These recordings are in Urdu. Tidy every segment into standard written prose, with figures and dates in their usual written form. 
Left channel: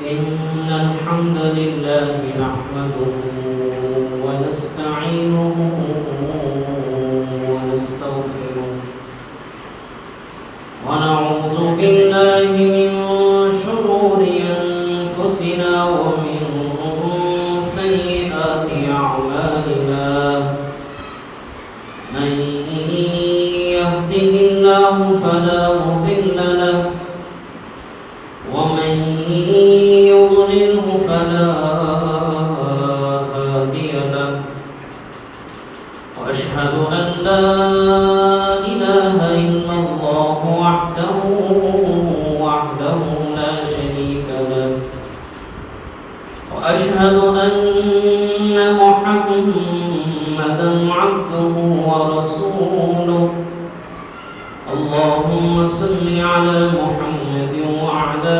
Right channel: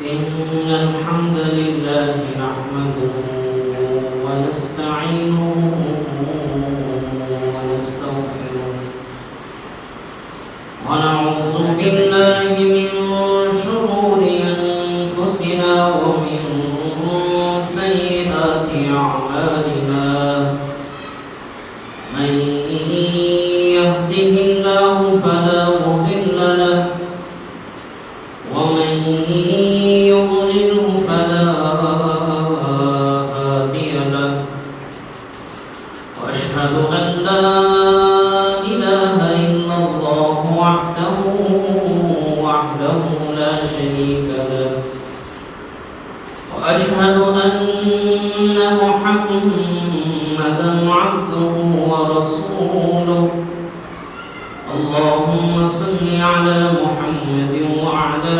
إن الحمد لله نحمده ونستعينه ونستغفره ونعوذ بالله من شرور أنفسنا ومن سيئات أعمالنا من يهده الله فلا مضل له ومن يضلله فلا هادي له وأشهد أن لا إله إلا الله وحده لا شريك له وأشهد أن محمدا عبده ورسوله اللهم صل على محمد وعلى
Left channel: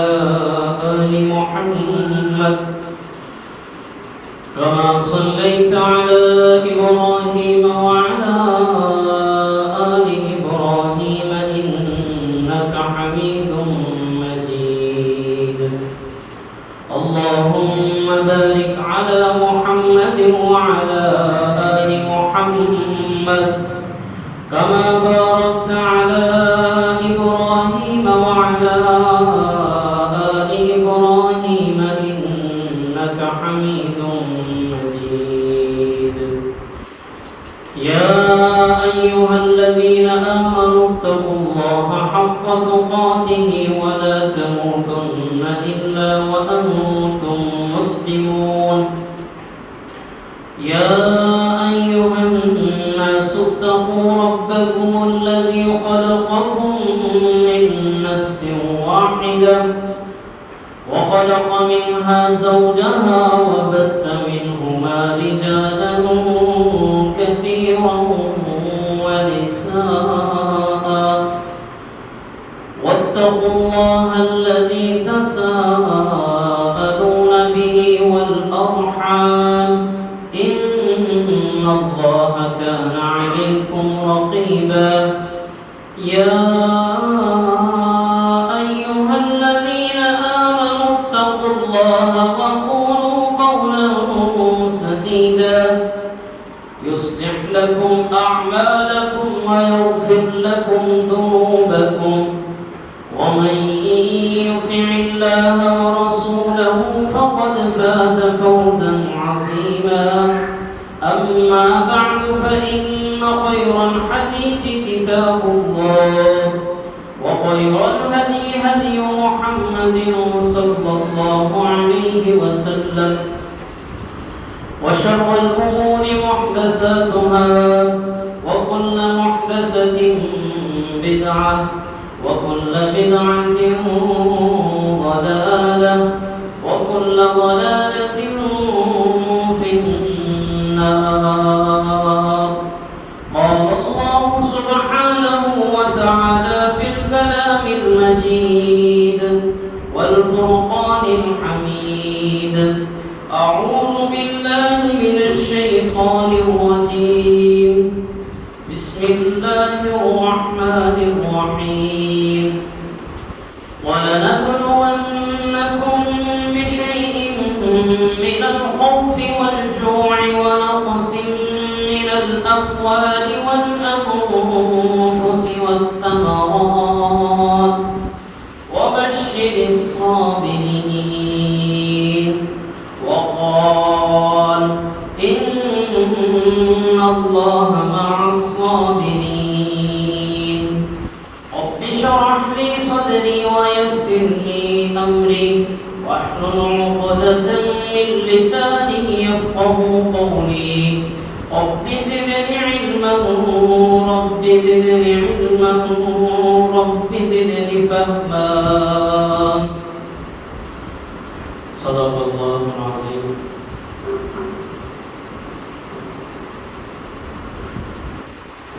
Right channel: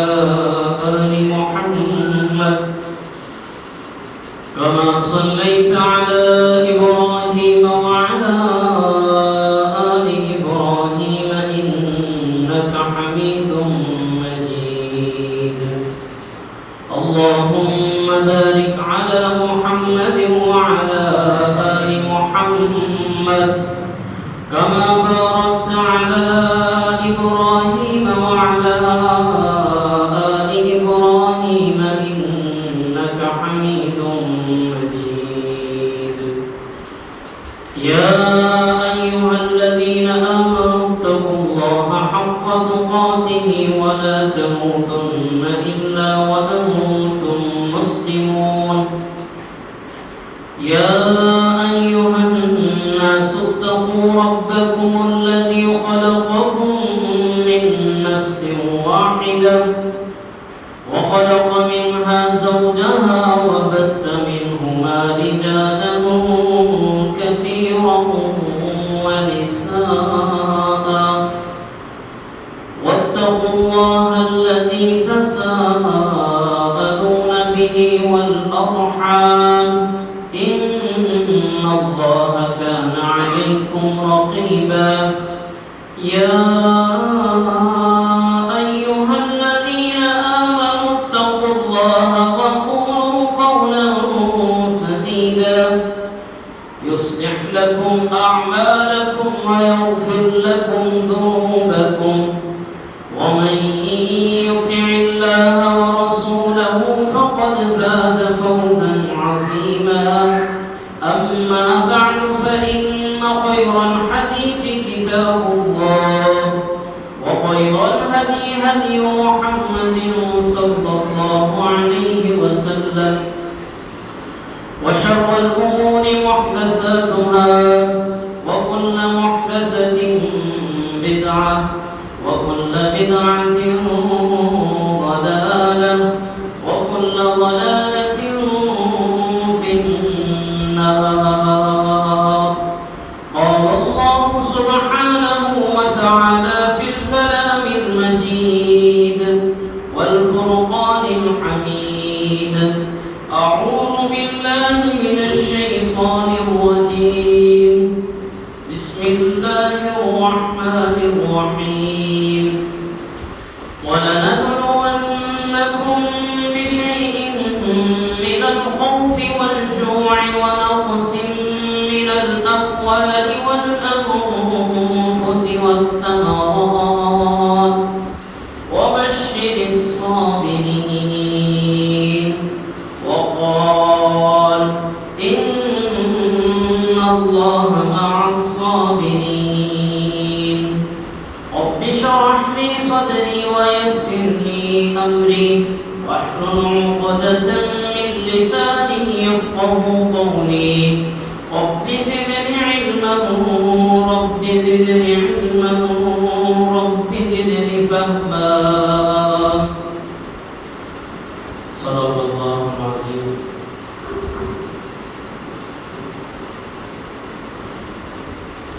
آل محمد كما صليت على إبراهيم وعلى آل إبراهيم إنك حميد مجيد اللهم بارك على محمد وعلى آل محمد كما باركت على إبراهيم وعلى آل إبراهيم إنك حميد مجيد يا أيها الذين آمنوا اتقوا الله حق تقاته ولا تموتن إلا وأنتم مسلمون يا أيها الناس اتقوا ربكم الذي خلقكم من نفس واحدة وخلق منها زوجها وبث منهما رجالا كثيرا ونساء واتقوا الله الذي تساءلون به والأرحام إن الله كان عليكم رقيبا يا أيها الذين آمنوا اتقوا الله وقولوا قولا سديدا يصلح لكم أعمالكم ويغفر لكم ذنوبكم ومن يطع الله ورسوله فقد فاز فوزا عظيما أما بعد فإن خير الحديث كتاب الله وخير الهدي هدي محمد صلى الله عليه وسلم وشر الأمور محدثاتها وكل محدثة بدعة وكل بدعة ضلالة وكل ضلالة في النار قال الله سبحانه وتعالى في الكلام المجيد والفرقان الحميد أعوذ بالله من الشيطان الرجيم بسم الله الرحمن الرحيم ولنبلونكم بشيء من الخوف والجوع ونقص من الأموال والأنفس والثمرات وبشر الصابرين وقال إن الله مع الصابرين رب اشرح لي صدري ويسر لي أمري واحلل عقدة من لساني يفقهوا قولي رب زدني علما رب زدني علما رب زدني فهما صدق الله العظيم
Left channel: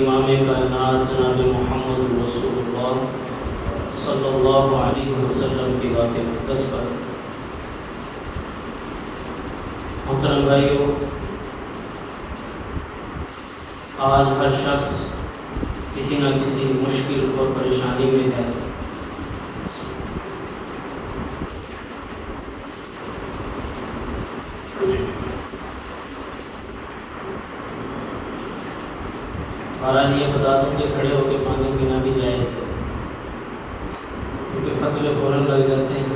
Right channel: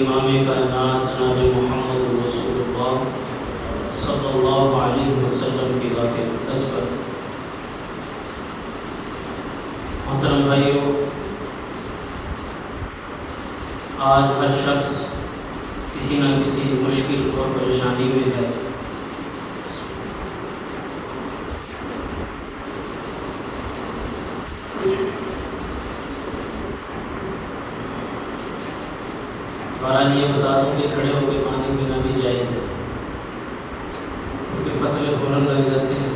امام کائنات جناب محمد رسول اللہ صلی اللہ علیہ وسلم کی ذات مقدس پر۔ محترم بھائیو، آج ہر شخص کسی نہ کسی مشکل اور پریشانی میں ہے۔ بہرحال یہ بتا دوں کہ کھڑے ہو کے پانی پینا بھی جائز ہے، کیونکہ فتوے فوراً لگ جاتے ہیں۔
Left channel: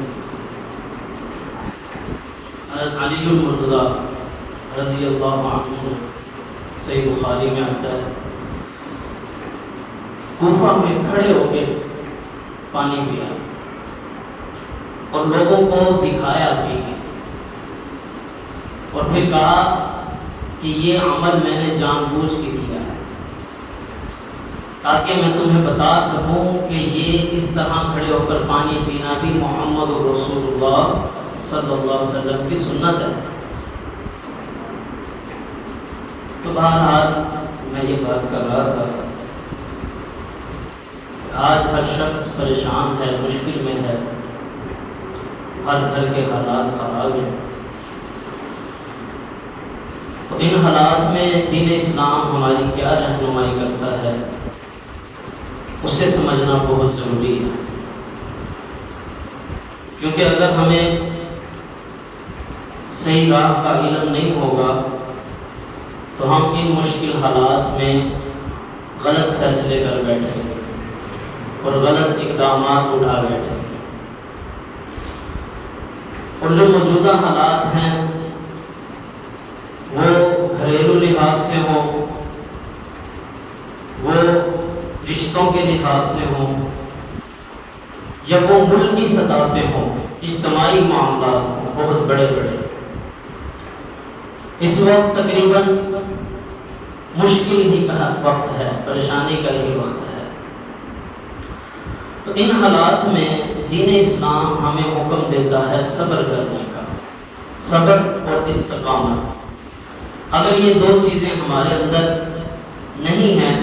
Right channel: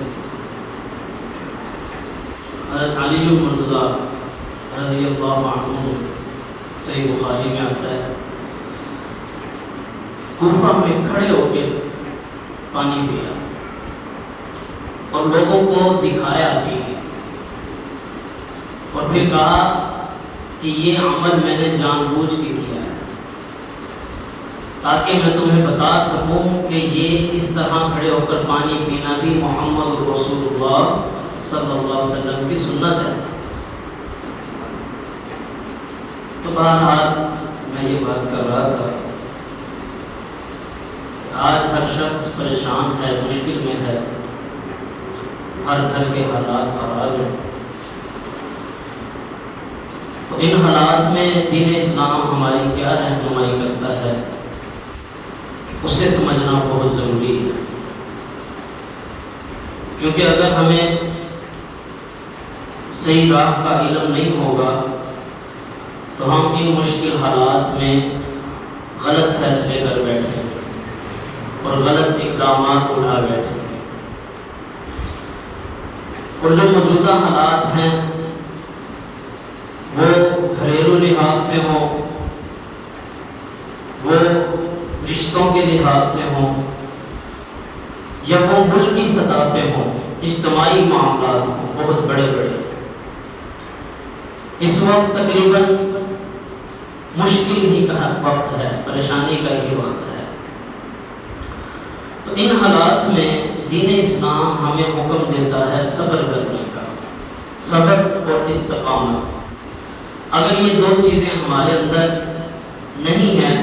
حضرت علی بن مرتضیٰ رضی اللہ عنہ، صحیح بخاری میں آتا ہے، کوفہ میں کھڑے ہو کے پانی پیا اور لوگوں کو دکھایا بھی، اور پھر کہا کہ یہ عمل میں نے جان بوجھ کے کیا ہے تاکہ میں تمہیں بتا سکوں کہ یہ اس طرح کھڑے ہو کر پانی پینا بھی محمد رسول اللہ صلی اللہ علیہ وسلم کی سنت ہے۔ تو بہرحال میں یہ بات کر رہا تھا کہ آج ہر شخص پریشان ہے، مشکل میں ہے، ہر گھر کے حالات خراب ہیں۔ تو ان حالات میں دین اسلام ہماری کیا رہنمائی کرتا ہے، اسے سمجھنا بہت ضروری ہے، کیونکہ اگر ہمیں صحیح راہ کا علم نہیں ہوگا تو ہم ان مشکل حالات میں غلط فیصلے کر بیٹھیں گے اور غلط اقدامات اٹھا بیٹھیں گے، اور جو موجودہ حالات ہیں وہ گھریلو لحاظ سے ہوں، وہ رشتوں کے لحاظ سے ہوں، یا وہ ملکی سطح پہ ہوں، اجتماعی معاملات ہوں، بہت بڑے بڑے، اس وقت تقریباً مشکل ہی کا وقت ہے، پریشانی کا ہی وقت ہے۔ تو ان حالات میں دین اسلام ہمیں حکم دیتا ہے صبر کرنے کا، صبر اور استقامت۔ اگر یہ دو چیزیں ہمارے اندر نہیں ہیں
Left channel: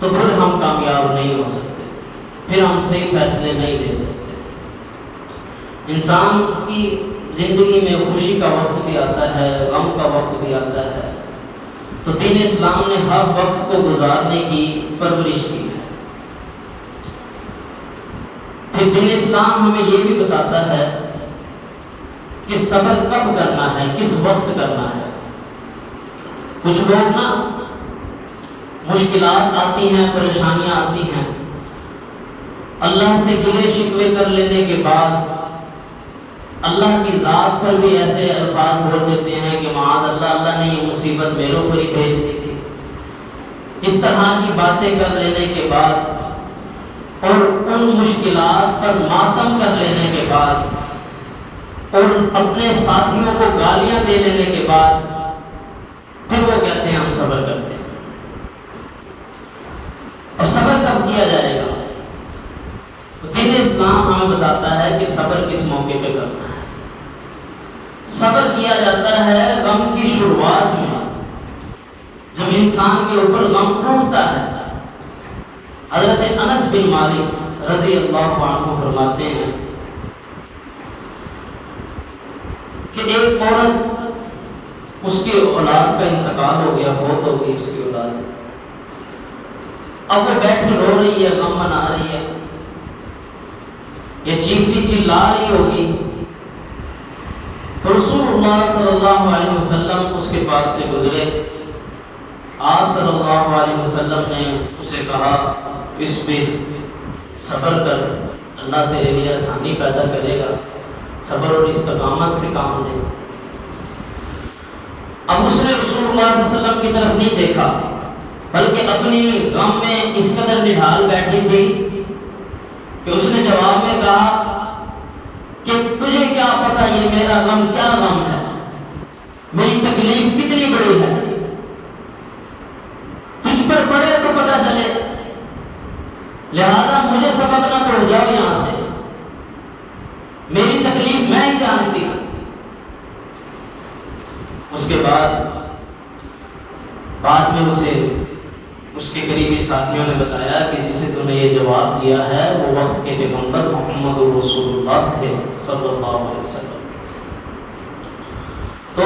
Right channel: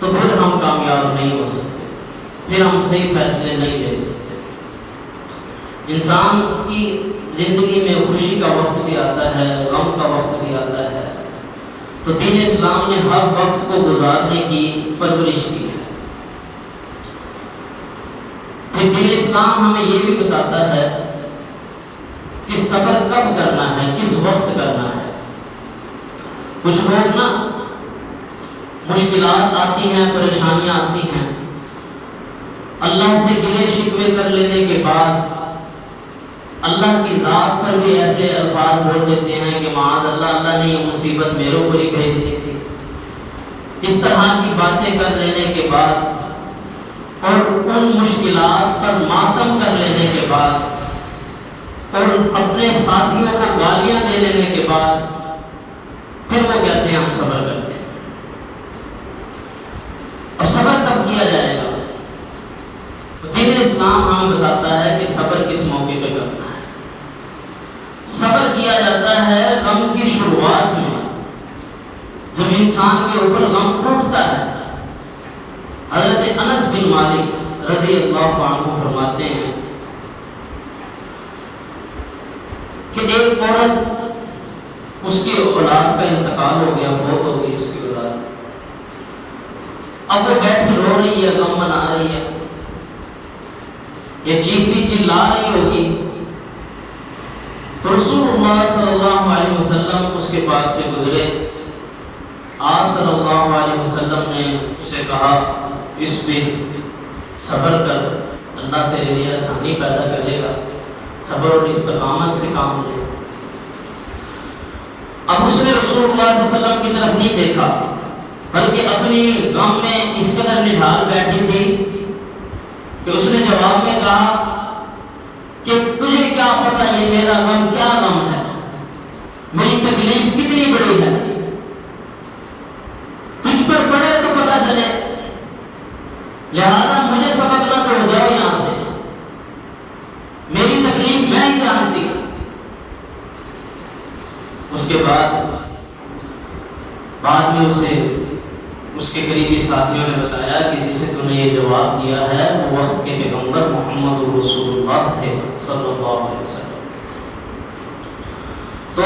تو پھر ہم کامیاب نہیں ہو سکتے، پھر ہم صحیح فیصلے نہیں لے سکتے۔ انسان کی زندگی میں خوشی کا وقت بھی آتا ہے، غم کا وقت بھی آتا ہے، تو دین اسلام نے ہر وقت کو گزارنے کی پرورش کی ہے۔ پھر دین اسلام ہمیں یہ بھی بتاتا ہے کہ صبر کب کرنا ہے، کس وقت کرنا ہے۔ کچھ لوگ نا مشکلات آتی ہیں، پریشانیاں آتی ہیں، اللہ سے گلے شکوے کر لینے کے بعد اللہ کی ذات پر بھی ایسے الفاظ بول دیتے ہیں کہ معاذ اللہ، اللہ نے یہ مصیبت میرے اوپر ہی بھیج دی تھی۔ اس طرح کی باتیں کر لینے کے بعد اور ان مشکلات پر ماتم کر لینے کے بعد اور اپنے ساتھیوں کو گالیاں دے لینے کے بعد پھر وہ کہتے ہیں ہم صبر کرتے ہیں۔ اور صبر کب کیا جائے گا؟ دین اسلام ہمیں بتاتا ہے کہ صبر کس موقع پہ کرنا ہے۔ صبر کیا جاتا ہے غم کی شروعات میں، جب انسان کے اوپر غم ٹوٹتا ہے۔ حضرت انس بن مالک رضی اللہ عنہ فرماتے ہیں کہ ایک عورت، اس کی اولاد کا انتقال ہو گیا، فوت ہو گئی اس کی اولاد، اب وہ بیٹھ کے رو رہی ہے، غم منا رہی ہے، یہ چیختی چلا رہی ہوگی، تو رسول اللہ صلی اللہ علیہ وسلم اس کے پاس سے گزرے۔ آپ صلی اللہ علیہ وسلم نے اسے کہا اصبر، صبر کر، اللہ تیرے لیے آسانی پیدا کرے گا، صبر اور استقامت سے کام لے۔ اب اس نے رسول اللہ صلی اللہ علیہ وسلم کی طرف نہیں دیکھا، بلکہ اپنی غم میں اس قدر نڈھال بیٹھی تھی کہ اس نے جواب میں کہا کہ تجھے کیا پتا یہ میرا غم کیا غم ہے، میری تکلیف کتنی بڑی ہے، تجھ پر پڑے تو پتا چلے، لہذا مجھے سبق نہ تو ہو جاؤ یہاں سے، میری تکلیف میں ہی جانتی۔ اس کے بعد بعد میں اس کے قریبی ساتھیوں نے بتایا کہ جسے تو نے یہ جواب دیا ہے وہ وقت کے پیغمبر محمد رسول اللہ تھے صلی اللہ علیہ وسلم. تو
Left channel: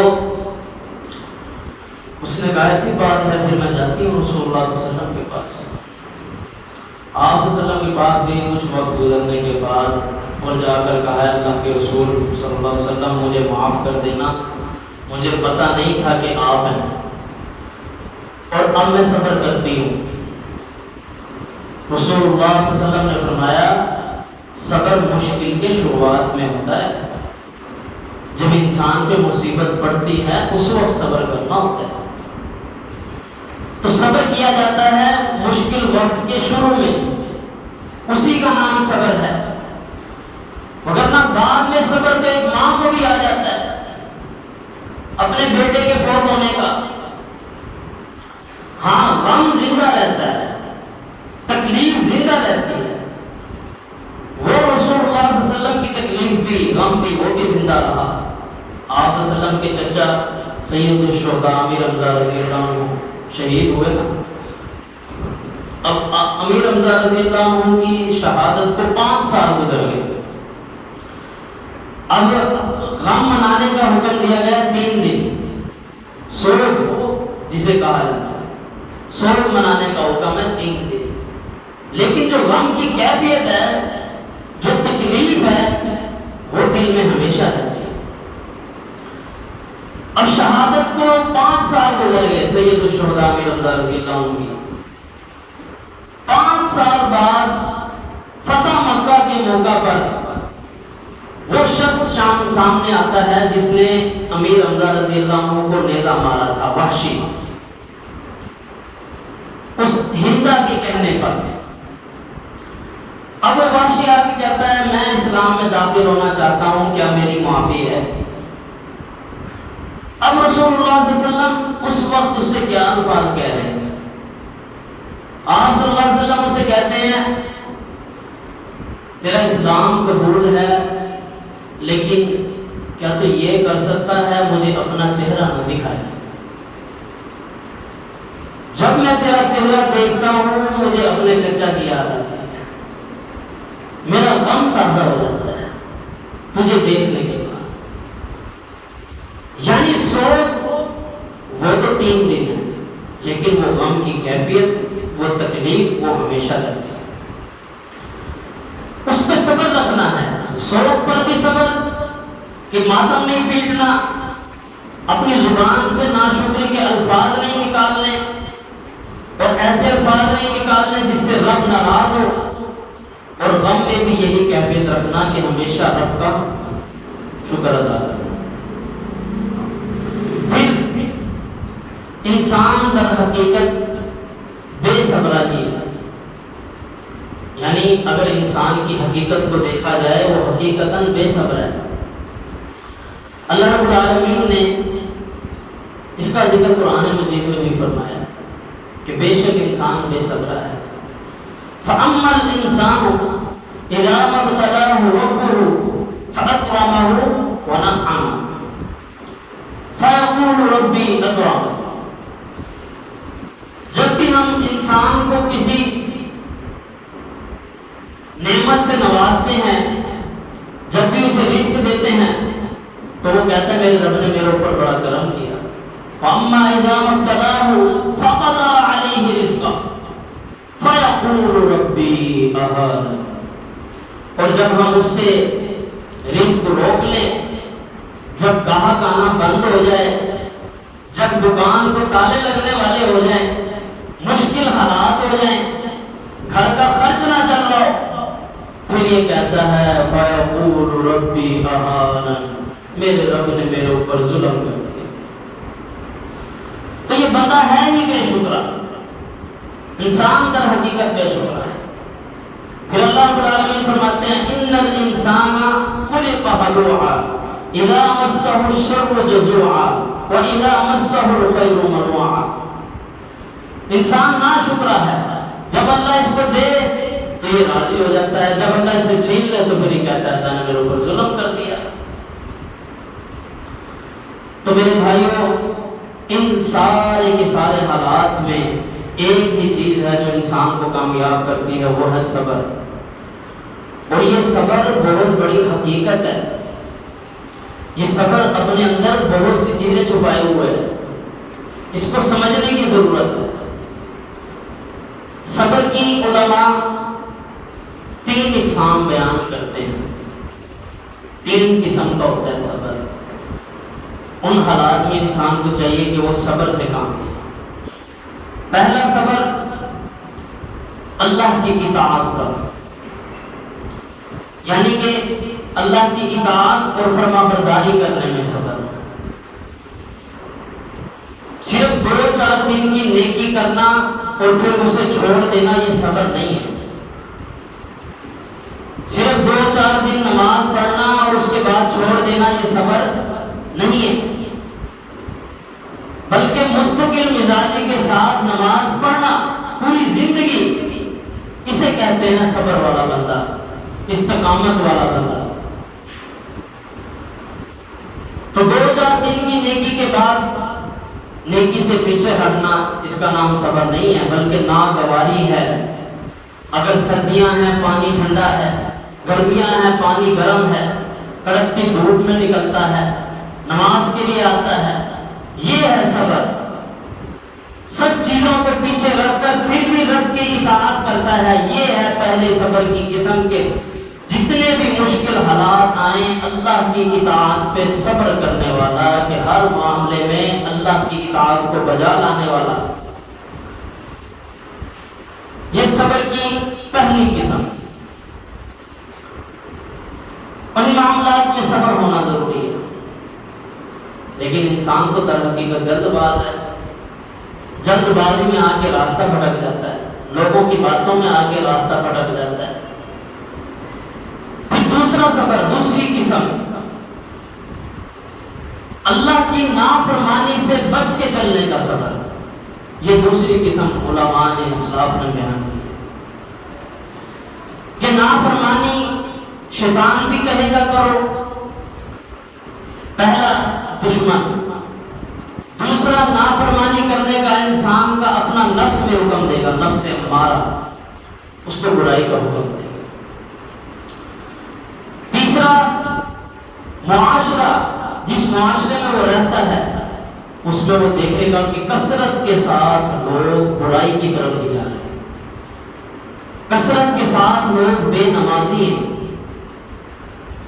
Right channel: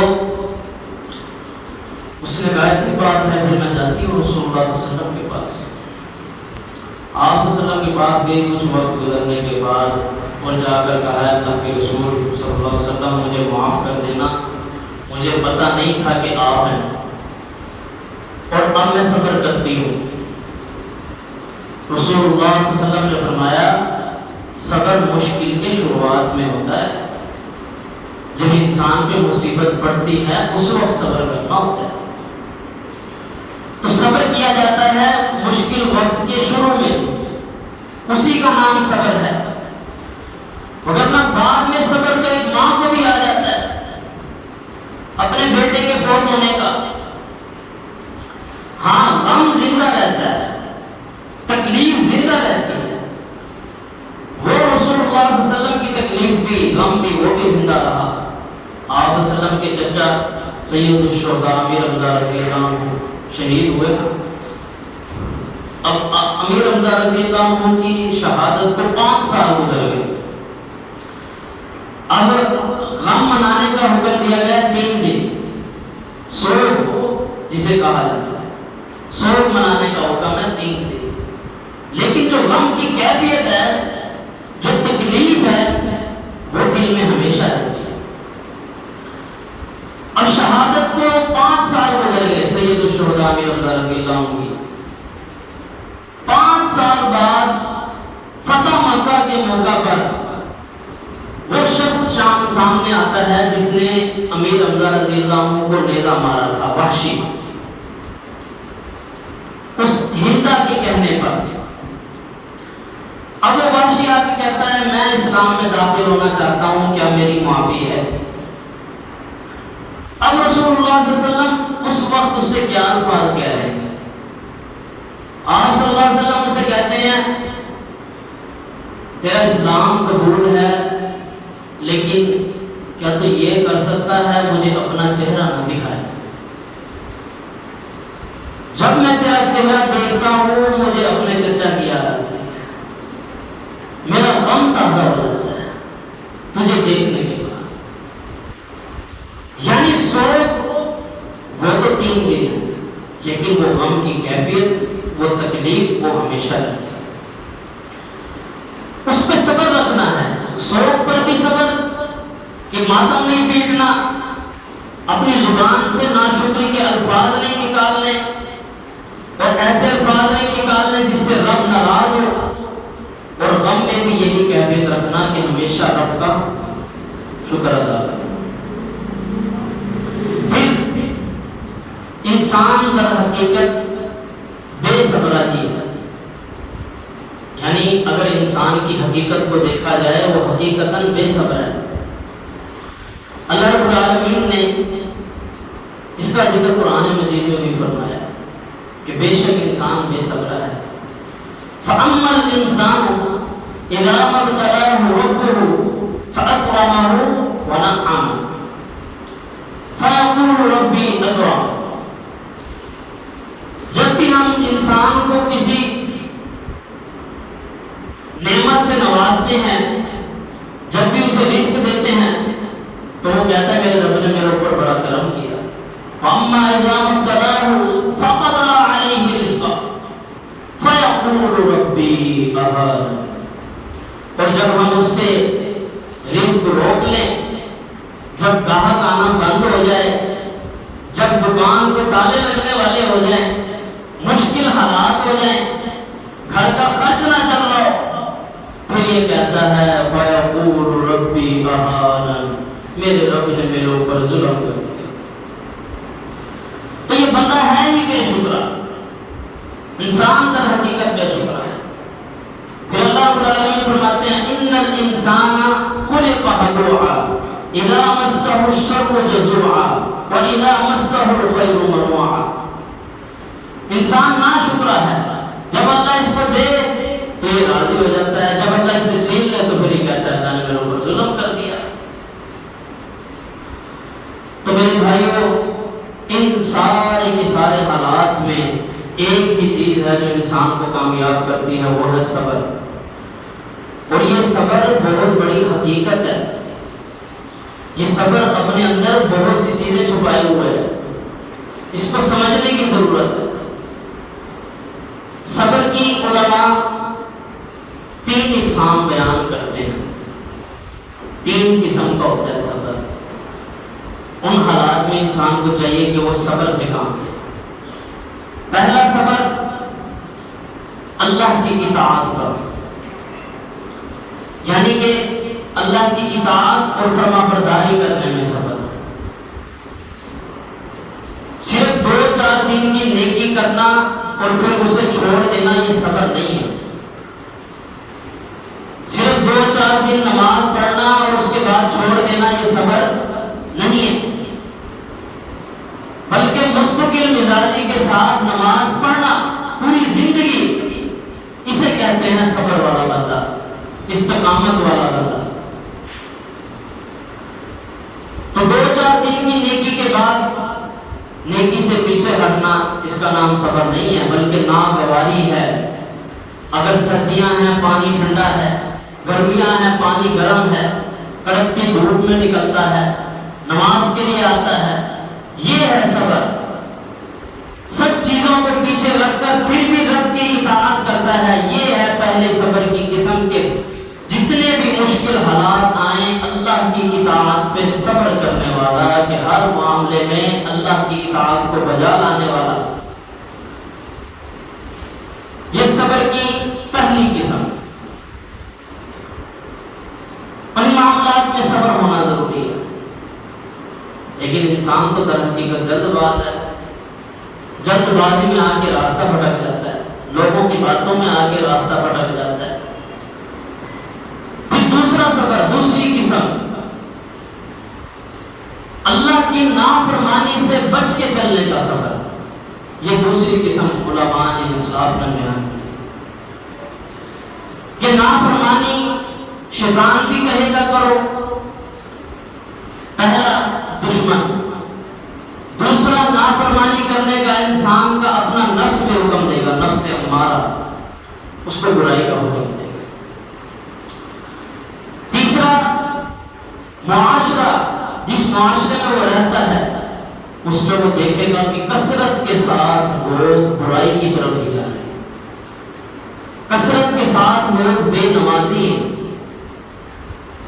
اس نے کہا ایسی بات ہے، پھر میں جاتی ہوں رسول اللہ صلی اللہ علیہ وسلم کے پاس. آپ صلی اللہ علیہ وسلم کے پاس گئی. کچھ وقت گزرنے کے بعد اور جا کر کہا اللہ کے رسول صلی اللہ علیہ وسلم مجھے معاف کر دینا، مجھے پتہ نہیں تھا کہ آپ ہیں اور اب میں صبر کرتی ہوں. رسول اللہ صلی اللہ علیہ وسلم نے فرمایا صبر مشکل کے شروعات میں ہوتا ہے، جب انسان پہ مصیبت پڑتی ہے اس وقت صبر کرنا ہوتا ہے. تو صبر کیا جاتا ہے مشکل وقت کے شروع میں، اسی کا نام صبر ہے. ورنہ بعد میں صبر تو ایک ماں کو بھی آ جاتا ہے اپنے بیٹے کے فوت ہونے کا. ہاں غم زندہ رہتا ہے، تکلیف زندہ رہتی ہے. وہ رسول اللہ صلی اللہ علیہ وسلم کی تکلیف بھی غم بھی وہ بھی زندہ رہا. آپ صلی اللہ علیہ وسلم کے چچا سید الشہداء امیر حمزہ رضی اللہ عنہ شہید ہوئے. اب امیر حمزہ رضی اللہ عنہ کی شہادت کو 5 سال گزر گئے. اب غم منانے کا حکم دیا گیا 3 دن، سوگ جسے کہا جاتا ہے، سوگ منانے کا حکم ہے 3 دن. لیکن جو غم کی کیفیت ہے، جو تکلیف ہے، وہ دل میں ہمیشہ رہتی ہے. اب شہادت کو 5 سال گزر گئے سید الشہداء امیر حمزہ رضی اللہ عنہ کی. 5 سال بعد فتح مکہ کے موقع پر وہ شخص سامنے آتا ہے جس نے امیر حمزہ رضی اللہ عنہ کو نیزہ مارا تھا، وحشی، اس ہندا کے کہنے پر. اب وہ وحشی آ کے کہتا ہے میں اسلام میں داخل ہونا چاہتا ہوں، کیا میری معافی ہے؟ اب رسول اللہ صلی اللہ علیہ وسلم اس وقت اس سے کیا الفاظ کہہ رہے ہیں؟ آپ صلی اللہ علیہ وسلم اسے کہتے ہیں تیرا اسلام قبول ہے، لیکن کیا تو یہ کر سکتا ہے مجھے اپنا چہرہ نہ دکھائے؟ جب میں تیرا چہرہ دیکھتا ہوں مجھے اپنے چچا کی یاد آتی ہے، میرا غم تازہ ہو جاتا ہے تجھے دیکھنے کے بعد. یعنی سوگ وہ تو 3 دن ہے، لیکن وہ غم کی کیفیت، وہ تکلیف وہ ہمیشہ رہتی ہے. اس پہ صبر رکھنا ہے. سوگ پر بھی صبر کہ ماتم نہیں پیٹنا، اپنی زبان سے ناشکری کے الفاظ نہیں نکالنے اور ایسے الفاظ نہیں نکالنے جس سے رب ناراض ہو. اور غم میں بھی یہی کیفیت رکھنا کہ ہمیشہ رب کا شکر ادا کرنا. پھر انسان در حقیقت بے صبرا ہی ہے. یعنی اگر انسان کی حقیقت کو دیکھا جائے وہ حقیقتاً بے صبر ہے. اللہ رب العالمین نے اس کا ذکر قرآن مجید میں بھی فرمایا کہ بے شک انسان بے صبر ہے. فَأَمَّا الْإِنسَانُ إِذَا مَا ابْتَلَاهُ رَبُّهُ فَأَكْرَمَهُ وَنَعَّمَهُ فَيَقُولُ رَبِّي أَكْرَمَنِ. جب بھی ہم انسان کو کسی نعمت سے نوازتے ہیں، جب بھی اسے رزق دیتے ہیں تو وہ کہتا ہے میرے رب نے میرے اوپر بڑا کرم کیا. وَأَمَّا إِذَا مَا ابْتَلَاهُ فَقَدَرَ عَلَيْهِ رِزْقَهُ فَيَقُولُ رَبِّي أَهَانَنِ. اور جب ہم اس سے رزق روک لیں، جب گاہک آنا بند ہو جائے، جب دکان کو تالے لگنے والے ہو جائیں، مشکل حالات ہو جائیں، گھر کا خرچ نہ چل رہا ہو، پھر یہ کہتا ہے فَيَقُولُ رَبِّي أَهَانَنِ، میرے رب نے میرے اوپر ظلم کر دیا. تو یہ بندہ ہے ہی بے شکرا، انسان در حقیقت بے شکرا ہے. پھر اللہ رب العالمین فرماتے ہیں ان الانسان خلق ہلوعا اذا مسہ الشر جزوعا واذا مسہ الخیر منوعا. انسان ناشکرا ہے، جب اللہ اس کو دے تو یہ راضی ہو جاتا ہے، جب اللہ اسے چھین لے تو پھر یہ کہتا ہے اللہ نے میرے اوپر ظلم کر دیا. تو میرے بھائیوں ان سارے کے سارے سارے حالات میں ایک ہی چیز ہے جو انسان کو کامیاب کرتی ہے، وہ ہے صبر. اور یہ صبر بہت بڑی حقیقت ہے. یہ صبر اپنے اندر بہت سی چیزیں چھپائے ہوئے ہیں، اس کو سمجھنے کی ضرورت ہے. صبر کی علماء 3 اقسام بیان کرتے ہیں. 3 قسم کا ہوتا ہے صبر. ان حالات میں انسان کو چاہیے کہ وہ صبر سے کام کرے. پہلا صبر اللہ کی اطاعت پر، یعنی کہ اللہ کی اطاعت اور فرما برداری کرنے میں صبر. صرف 2-4 دن کی نیکی کرنا اور پھر اسے چھوڑ دینا یہ صبر نہیں ہے. صرف 2-4 دن نماز پڑھنا اور اس کے بعد چھوڑ دینا یہ صبر نہیں ہے، بلکہ مستقل مزاجی کے ساتھ نماز پڑھنا پوری زندگی، اسے کہتے ہیں صبر والا بندہ، استقامت والا بندہ. تو 2-4 دن کی نیکی کے بعد نیکی سے پیچھے ہٹنا، اس کا نام صبر نہیں ہے بلکہ ناگواری ہے. اگر سردیاں ہیں پانی ٹھنڈا ہے، گرمیاں ہیں پانی گرم ہے، کڑکتی دھوپ میں نکلتا ہے، نماز کے لیے آتا ہے، یہ ہے صبر. سب چیزوں کو پیچھے رکھ کر پھر بھی رب کی اطاعت کرتا ہے، یہ ہے پہلے صبر کی قسم. کے جتنے بھی مشکل حالات آئیں اللہ کی اطاعت پہ صبر کرنے والا، کہ ہر معاملے میں اللہ کی اطاعت کو بجا لانے والا، یہ صبر کی پہلی قسم. ان معاملات میں صبر ہونا ضروری ہے. لیکن انسان تو در حقیقت جلد باز ہے، جلد بازی میں آ کے راستہ بھٹک جاتا ہے، لوگوں کی باتوں میں آ کے راستہ بھٹک جاتا ہے. پھر دوسرا صبر، دوسری قسم، اللہ کی نافرمانی سے بچ کے چلنے کا صبر. یہ دوسری قسم علماء نے اسلاف نے بیان کی کہ نافرمانی شیطان بھی کہے گا کرو، پہلا دشمن. دوسرا نافرمانی کرنے کا انسان کا اپنا نفس میں حکم دے گا، نفس امارہ اس کو برائی کا حکم دے گا. تیسرا معاشرہ، جس معاشرے میں وہ رہتا ہے اس میں وہ دیکھے گا کہ کثرت کے ساتھ لوگ برائی کی طرف ہی جا رہے ہیں، کثرت کے ساتھ لوگ بے نمازی ہیں،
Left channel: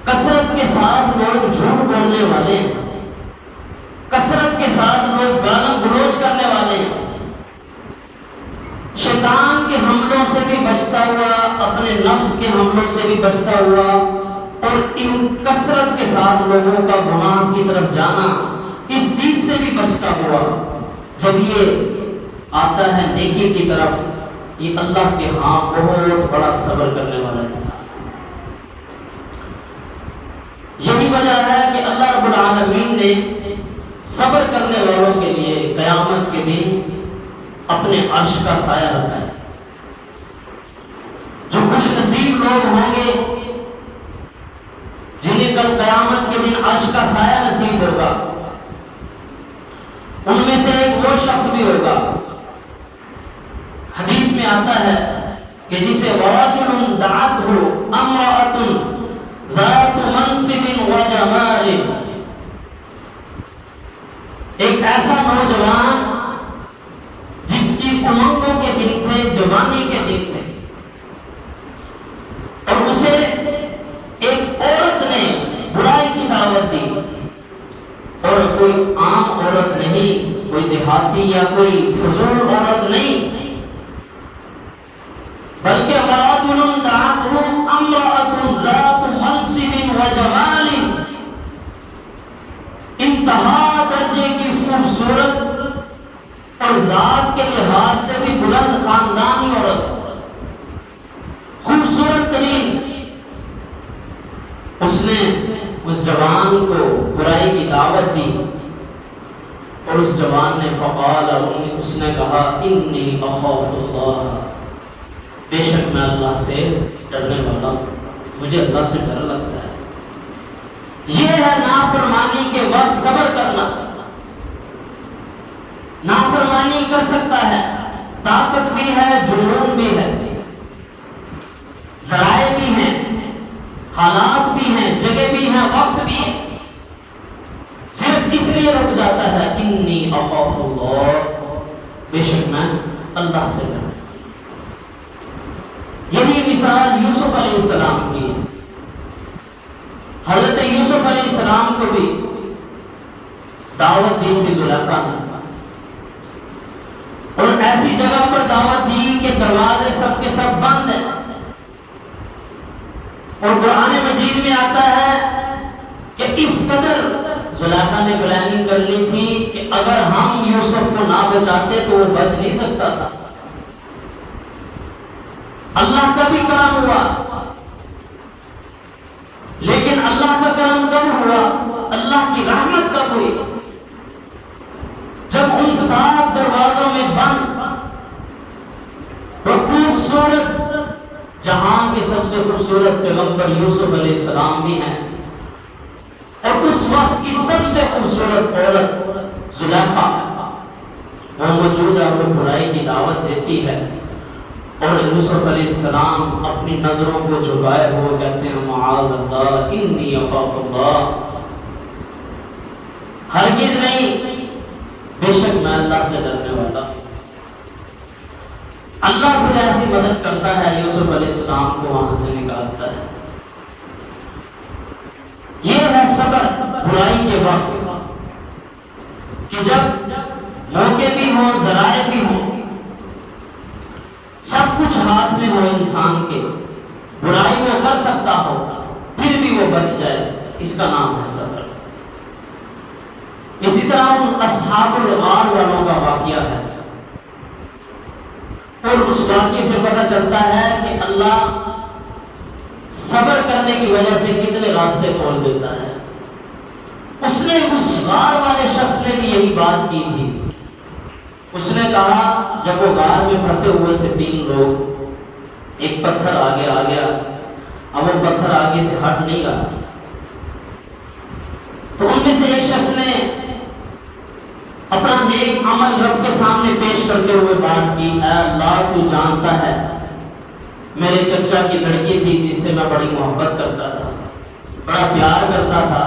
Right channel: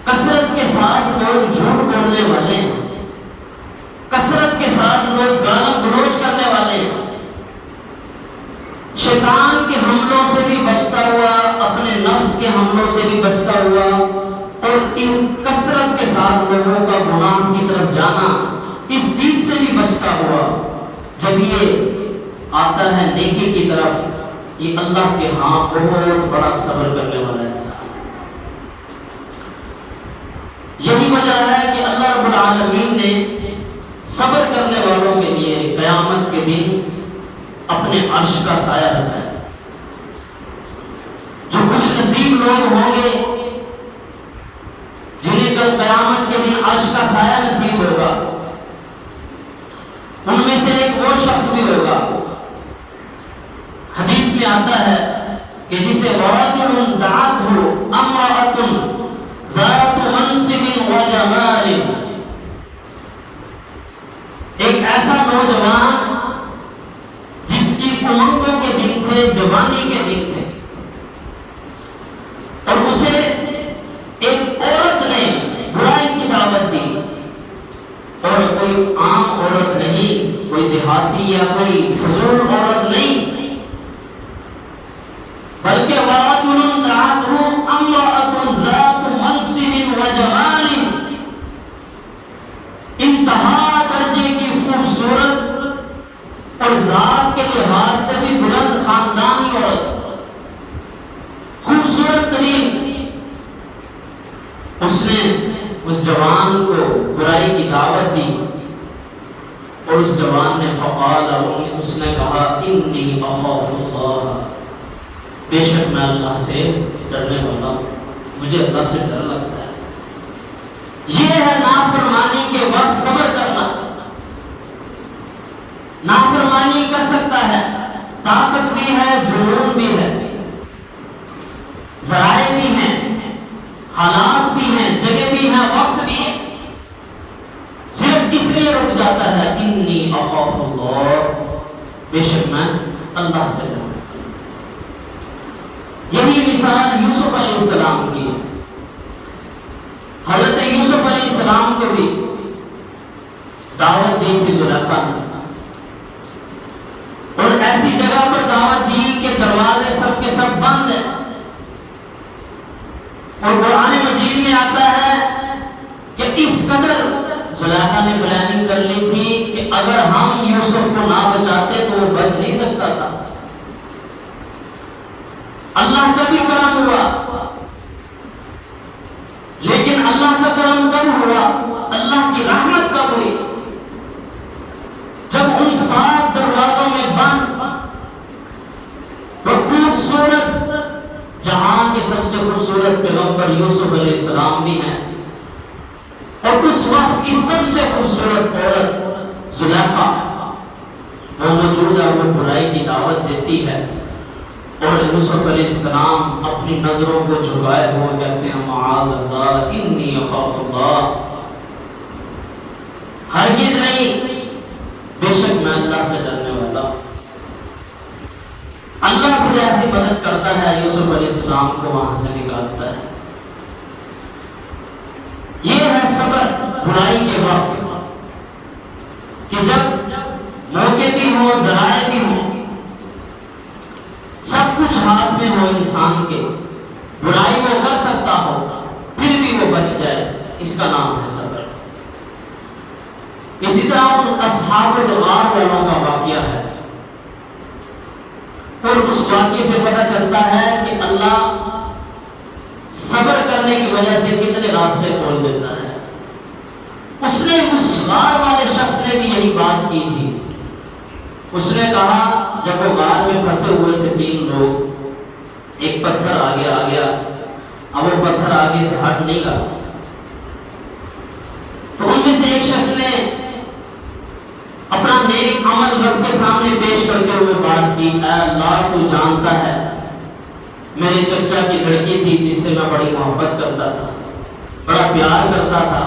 کثرت کے ساتھ لوگ جھوٹ بولنے والے ہیں، کثرت کے ساتھ لوگ گالم گلوچ کرنے والے ہیں. شیطان کے حملوں سے بھی بچتا ہوا، اپنے نفس کے حملوں سے بھی بچتا ہوا، اور ان کثرت کے ساتھ لوگوں کا گناہ کی طرف جانا، اس چیز سے بھی بچتا ہوا. جب یہ آتا ہے نیکی کی طرف، یہ اللہ کے ہاں بہت بڑا صبر کرنے والا انسان. یہی وجہ ہے کہ اللہ رب العالمین نے صبر کرنے والوں کے لیے قیامت کے دن اپنے عرش کا سایہ رکھا ہے. جو خوش نصیب لوگ ہوں گے جنہیں کل قیامت کے دن عرش کا سایہ نصیب ہوگا، ان میں سے ایک وہ شخص بھی ہوگا، حدیث میں آتا ہے کہ جسے وَرَجُلٌ دَعَتْهُ امْرَأَةٌ ذَاتُ مَنْصِبٍ وَجَمَالٍ، ایک ایسا نوجوان جس کی امنگوں کے دن تھے، جوانی کے دن تھے، اور اسے ایک عورت نے برائی کی دعوت دی، اور کوئی عام عورت نہیں، کوئی دیہاتی یا کوئی فضول عورت نہیں، بلکہ وَرَجُلٌ دَعَتْهُ امْرَأَةٌ ذَاتُ مَنْصِبٍ وَجَمَالٍ، انتہا درجے کی خوبصورت اور ذات کے لحاظ سے بھی بلند خاندانی عورت، خوبصورت ترین. اس نے اس جوان کو برائی کی دعوت دی، اور اس جوان نے فقال، اس نے کہا انی اخاف اللہ، بے شک میں اللہ سے ڈرنے والا ہوں، مجھے اللہ سے ڈر لگتا ہے. یہ ہے نافرمانی کے وقت صبر کرنا. نافرمانی کا جنون بھی ہے، ذرائع بھی ہیں، حالات بھی ہیں، جگہ بھی ہیں، وقت بھی ہے، صرف اس لیے رک جاتا ہے انی اخاف اللہ، بے شک میں اللہ سے ڈرتا ہوں۔ یہی مثال یوسف علیہ السلام کی ہے۔ حضرت یوسف علیہ السلام کو بھی دعوت دی تھی زلیخا نے، اور ایسی جگہ پر دعوت دی کہ دروازے سب کے سب بند ہیں، اور قرآن مجید میں آتا ہے کہ اس قدر زلیخا نے پلاننگ کر لی تھی کہ اگر ہم یوسف کو نہ بچاتے تو وہ بچ نہیں سکتا تھا۔ اللہ کا بھی کرم ہوا، لیکن اللہ کا کرم کب ہوا؟ اللہ کی رحمت کب ہوئی؟ جب ان 7 دروازوں میں بند وہ خوبصورت، جہاں کے سب سے خوبصورت پیغمبر یوسف علیہ السلام بھی ہیں، اور اس وقت کی سب سے خوبصورت عورت زلیخا وہ موجود ہے، وہ برائی کی دعوت دیتی ہے، اور یوسف علیہ السلام اپنی نظروں کو جھکائے ہوئے کہتے ہیں معاذ اللہ انی اخاف اللہ، ہرگز نہیں، بے شک میں اللہ سے ڈرنے والا۔ اللہ پھر ایسی مدد کرتا ہے، یوسف علیہ السلام کو وہاں سے نکالتا ہے۔ یہ ہے صبر برائی کے وقت، کہ جب موقع بھی ہو، ذرائع بھی ہو، سب کچھ ہاتھ میں ہو انسان کے، برائی وہ کر سکتا ہو پھر بھی وہ بچ جائے، اس کا نام ہے صبر۔ اسی طرح اصحاب الغار والوں کا واقعہ ہے، اور اس واقعے سے پتہ چلتا ہے کہ اللہ صبر کرنے کی وجہ سے کتنے راستے کھول دیتا ہے۔ اس نے اس غار والے شخص نے بھی یہی بات کی تھی۔ اس نے کہا جب وہ غار میں پھنسے ہوئے تھے 3 لوگ، ایک پتھر آگے آ گیا، اب وہ پتھر آگے سے ہٹ نہیں رہا، تو ان میں سے ایک شخص نے اپنا نیک عمل رب کے سامنے پیش کرتے ہوئے بات کی، اے اللہ تو جانتا ہے میرے چچا کی لڑکی تھی جس سے میں بڑی محبت کرتا تھا، بڑا پیار کرتا تھا،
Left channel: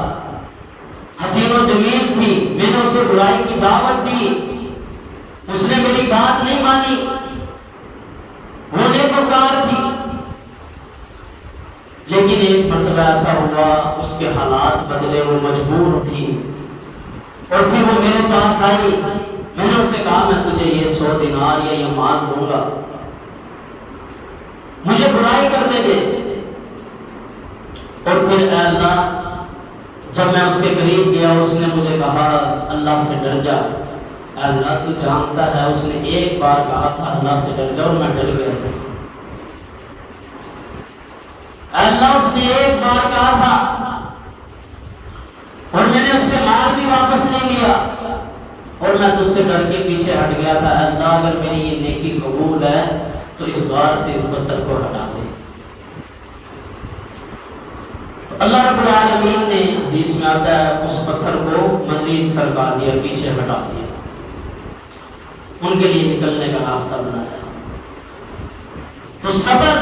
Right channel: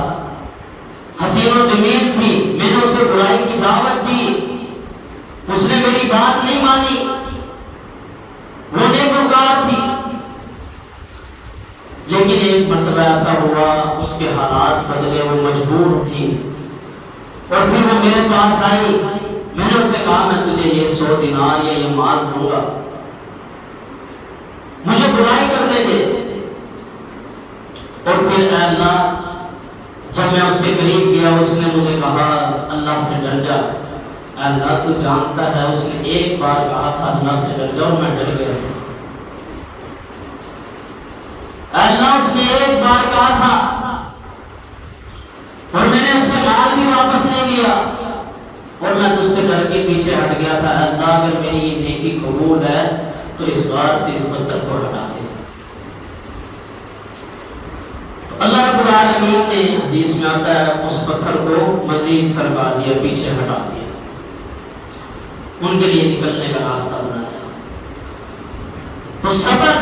حسین و جمیل تھی، میں نے اسے برائی کی دعوت دی، اس نے میری بات نہیں مانی، وہ نیکوکار تھی، لیکن ایک مرتبہ ایسا ہوا اس کے حالات بدلے، وہ مجبور تھی، اور پھر وہ میرے پاس آئی، میں نے اسے کہا میں تجھے یہ 100 دینار یا یہ مال دوں گا، مجھے برائی کرنے دے۔ اور پھر اے اللہ جب میں اس کے قریب گیا اس نے مجھے کہا اللہ سے ڈر جا، اے اللہ تو جانتا ہے، اس نے ایک بار کہا تھا اللہ سے ڈر جا اور میں ڈر گیا تھا، اے اللہ اس نے ایک بار کہا تھا اور میں نے اس سے مال بھی واپس نہیں لیا، اور میں تجھ سے ڈر کے پیچھے ہٹ گیا تھا، اے اللہ اگر میری یہ نیکی قبول ہے تو اس بار سے اس پتھر کو ہٹا دے۔ اللہ رب العالمین نے حدیث میں آتا ہے اس پتھر کو مزید سرکا دیا، پیچھے ہٹا دیا، ان کے لیے نکلنے کا راستہ بنایا۔ تو صبر،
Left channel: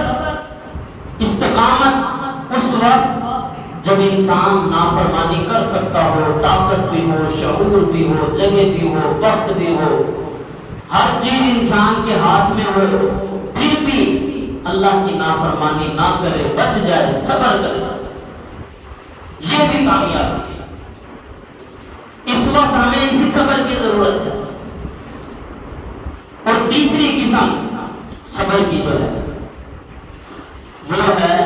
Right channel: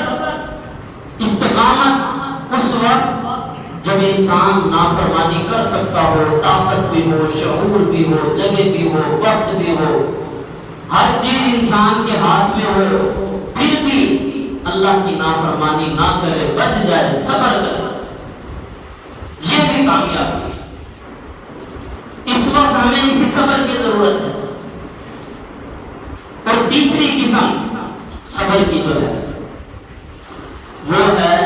استقامت اس وقت جب انسان نافرمانی کر سکتا ہو، طاقت بھی ہو، شعور بھی ہو، جگہ بھی ہو، وقت بھی ہو، ہر چیز انسان کے ہاتھ میں ہو، پھر بھی اللہ کی نافرمانی نہ کرے، بچ جائے، صبر کرے، یہ بھی کامیابی ہے۔ اس وقت ہمیں اسی صبر کی ضرورت ہے۔ اور تیسری قسم صبر کی جو ہے وہ ہے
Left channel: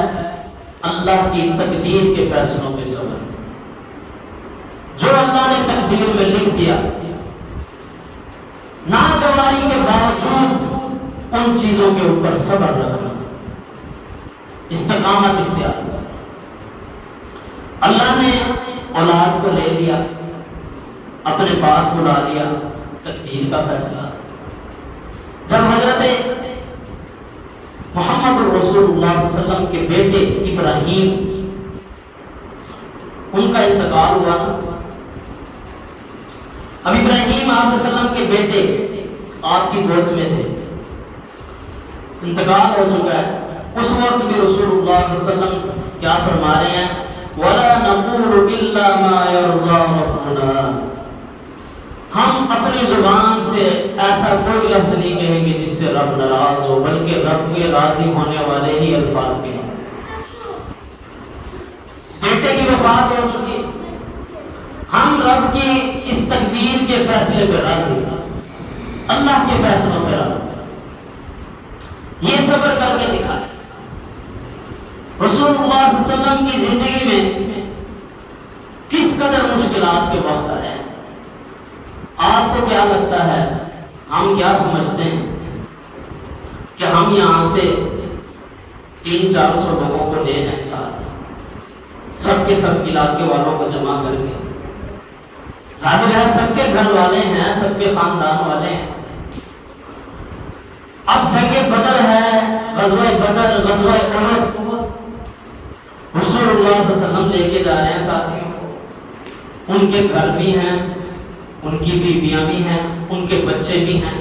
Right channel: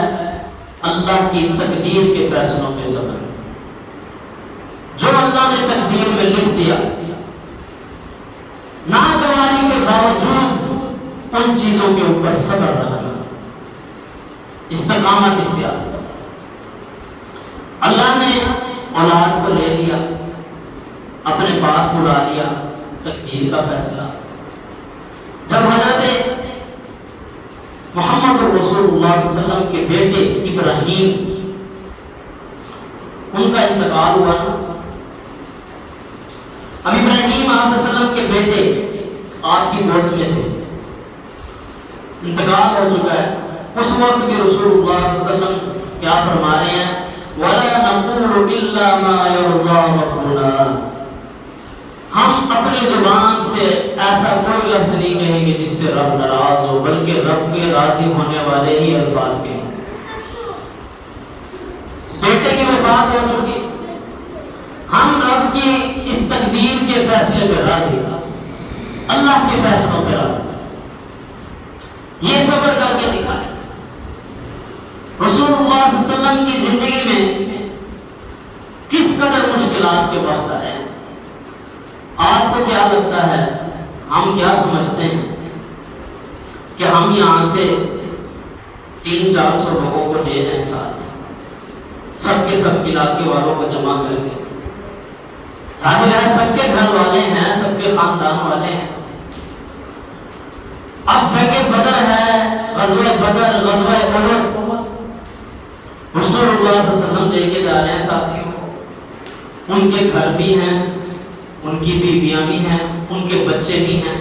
اللہ کی تقدیر کے فیصلوں پہ صبر، جو اللہ نے تقدیر میں لکھ دیا، ناگواری کے باوجود ان چیزوں کے اوپر صبر کرنا، استقامت اختیار کرنا۔ اللہ نے اولاد کو لے لیا، اپنے پاس بلا لیا، تقدیر کا فیصلہ۔ جب حضرت محمد رسول اللہ صلی اللہ علیہ وسلم کے بیٹے ابراہیم ان کا انتقال ہوا نا، اب ابراہیم آپ صلی اللہ علیہ وسلم کے بیٹے آپ کی گود میں تھے، انتقال ہو چکا ہے، اس وقت بھی رسول اللہ صلی اللہ علیہ وسلم کیا فرما رہے ہیں؟ وَلَا نَقُولُ إِلَّا مَا يَرْضَى رَبُّنَا، ہم اپنی زبان سے ایسا کوئی لفظ نہیں کہیں گے جس سے رب ناراض ہو، بلکہ رب کے راضی ہونے والے ہی الفاظ کہیں گے۔ بیٹے کی وفات ہو چکی، ہم رب کی اس تقدیر کے فیصلے پر راضی، اللہ کے فیصلوں پر راضی، یہ صبر کر کے دکھائے۔ رسول اللہ صلی اللہ علیہ وسلم کی زندگی میں کس قدر مشکلات کے وقت آئے ہیں، آپ کو کیا لگتا ہے، ہم کیا سمجھتے ہیں کہ ہم یہاں سے 300-400 لوگوں کو لے جائیں ساتھ، سب کے سب علاقے والوں کو جمع کر کے، ظاہر ہے سب کے گھر والے ہیں، سب کے خاندان والے ہیں۔ اب جنگ بدر ہے، غزوہ بدر، غزوہ احد، رسول اللہ صلی اللہ علیہ وسلم لے کے جا رہے ہیں ساتھیوں کو، ان کے گھر بھی ہیں، ان کی بیویاں بھی ہیں، ان کے بچے بھی ہیں،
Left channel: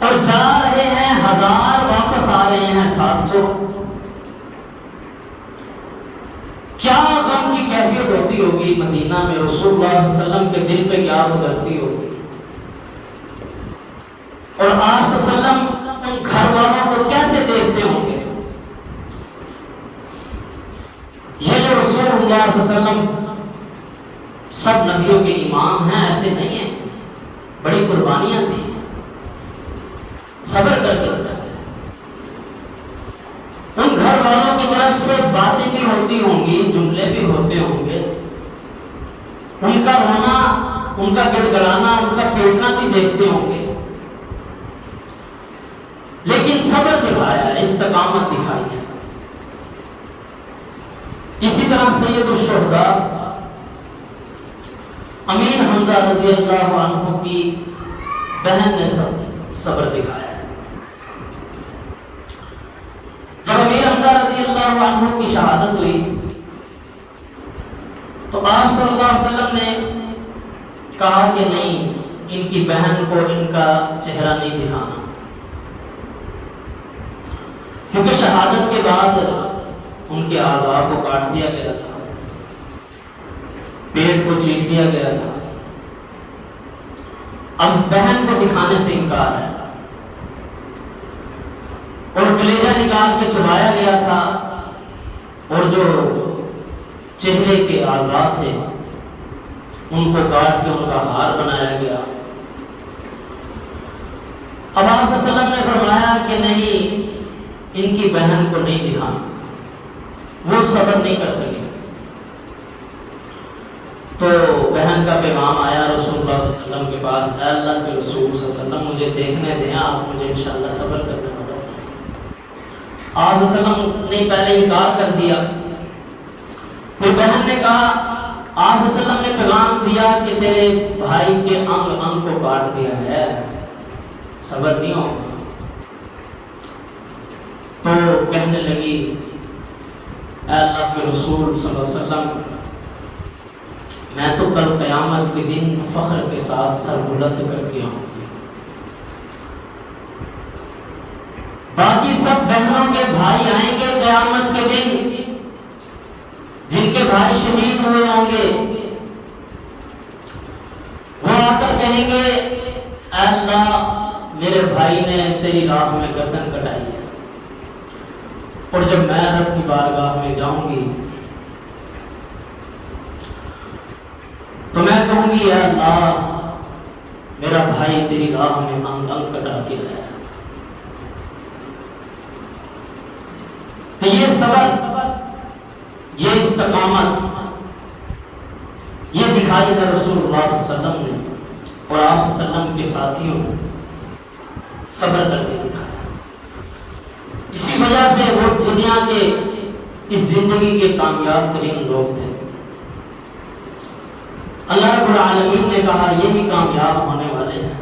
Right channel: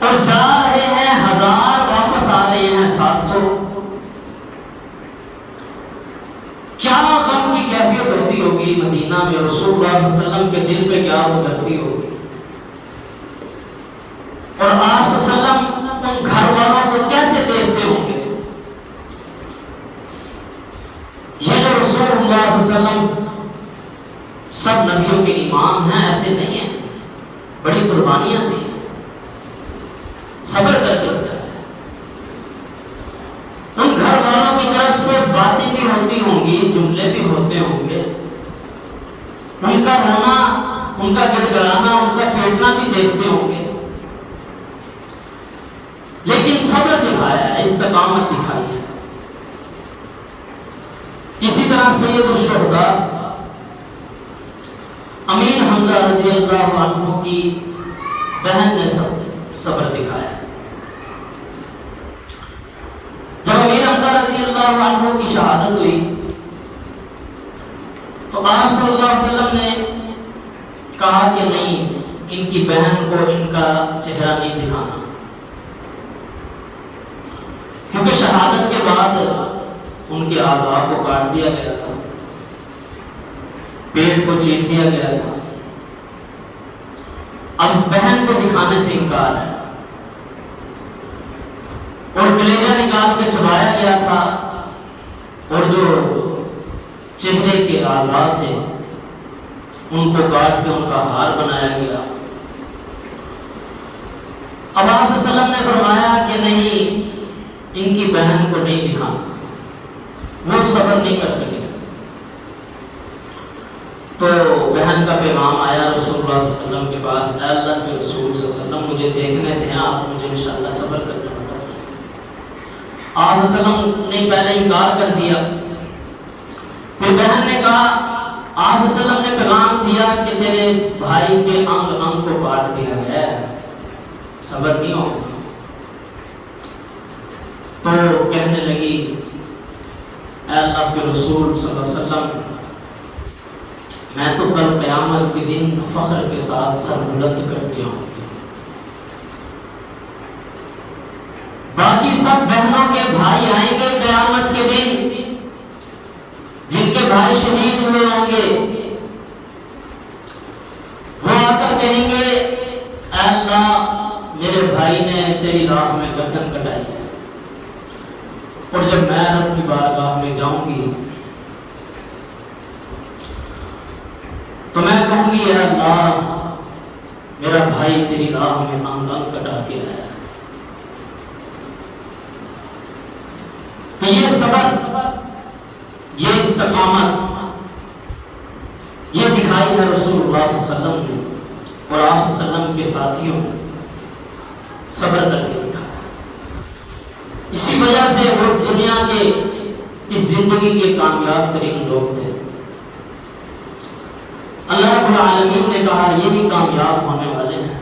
اور جا رہے ہیں 1000، واپس آ رہے ہیں 700۔ کیا غم کی کیفیت ہوتی ہوگی مدینہ میں، رسول اللہ صلی اللہ علیہ وسلم کے دل پہ کیا گزرتی ہوگی، اور آپ صلی اللہ علیہ وسلم ان گھر والوں کو کیسے دیکھتے ہوں گے۔ یہ جو رسول اللہ صلی اللہ علیہ وسلم سب نبیوں کے امام ہیں ایسے نہیں ہیں، بڑی قربانیاں دی، صبر کر کے رکھا ہے۔ ان گھر والوں کی طرف سے باتیں بھی ہوتی ہوں گی، جملے بھی ہوتے ہوں گے، ان کا رونا، ان کا گڑ گڑانا، ان کا پیٹنا بھی دیکھتے ہوں گے، لیکن صبر دکھایا ہے، استقامت دکھائی ہے۔ اسی طرح سید الشہداء امیر حمزہ رضی اللہ عنہ کی بہن نے صبر دکھایا ہے۔ جب امیر حمزہ رضی اللہ عنہ کی شہادت ہوئی تو آپ صلی اللہ علیہ وسلم نے کہا کہ نہیں، ان کی بہن کو ان کا چہرہ نہیں دکھانا، کیونکہ شہادت کے بعد ان کے اعضاء کو کاٹ دیا گیا تھا، پیٹ کو چیر دیا گیا تھا، اب بہن کو دکھانے سے انکار ہے، اور کلیجہ نکال کے چبایا گیا تھا، اور جو چہرے کے اعضاء تھے ان کو کاٹ کے ان کا ہار بنایا گیا۔ اب آپ صلی اللہ علیہ وسلم نے فرمایا کہ نہیں، ان کی بہن کو نہیں دکھانا، وہ صبر نہیں کر سکے۔ تو بہن کا پیغام آیا رسول اللہ صلی اللہ علیہ وسلم کے پاس، اے اللہ کے رسول صلی اللہ علیہ وسلم مجھے دیکھنے دیں، آپ مجھے انشاءاللہ صبر کرنا ہوگا۔ آپ صلی اللہ علیہ وسلم نے پہلے انکار کر دیا، پھر بہن نے کہا، آپ صلی اللہ علیہ وسلم نے پیغام دیا کہ تیرے بھائی کے انگ انگ کو کاٹ دیا ہے، صبر نہیں ہوگا۔ تو کہنے لگی، اے اللہ کے رسول صلی اللہ علیہ وسلم میں تو کل قیامت کے دن فخر کے ساتھ سر بلند کر کے آؤں گی، باقی سب بہنوں کے بھائی آئیں گے قیامت کے دن، جن کے بھائی شہید ہوئے ہوں گے، وہ آ کر کہیں گے، اے اللہ میرے بھائی نے تیری راہ میں گردن کٹائی ہے، اور جب میں رب کی بارگاہ میں جاؤں گی تو میں کہوں گی، اے اللہ میرا بھائی تیری راہ میں انگ انگ کٹا کے ہے۔ تو یہ صبر، یہ استقامت، یہ دکھائی ہے رسول اللہ صلی اللہ علیہ وسلم نے، اور آپ صلی اللہ علیہ وسلم کے ساتھیوں نے صبر کر کے دکھایا۔ اسی وجہ سے وہ دنیا کے اس زندگی کے کامیاب ترین لوگ تھے۔ اللہ رب العالمین نے کہا یہی کامیاب ہونے والے ہیں۔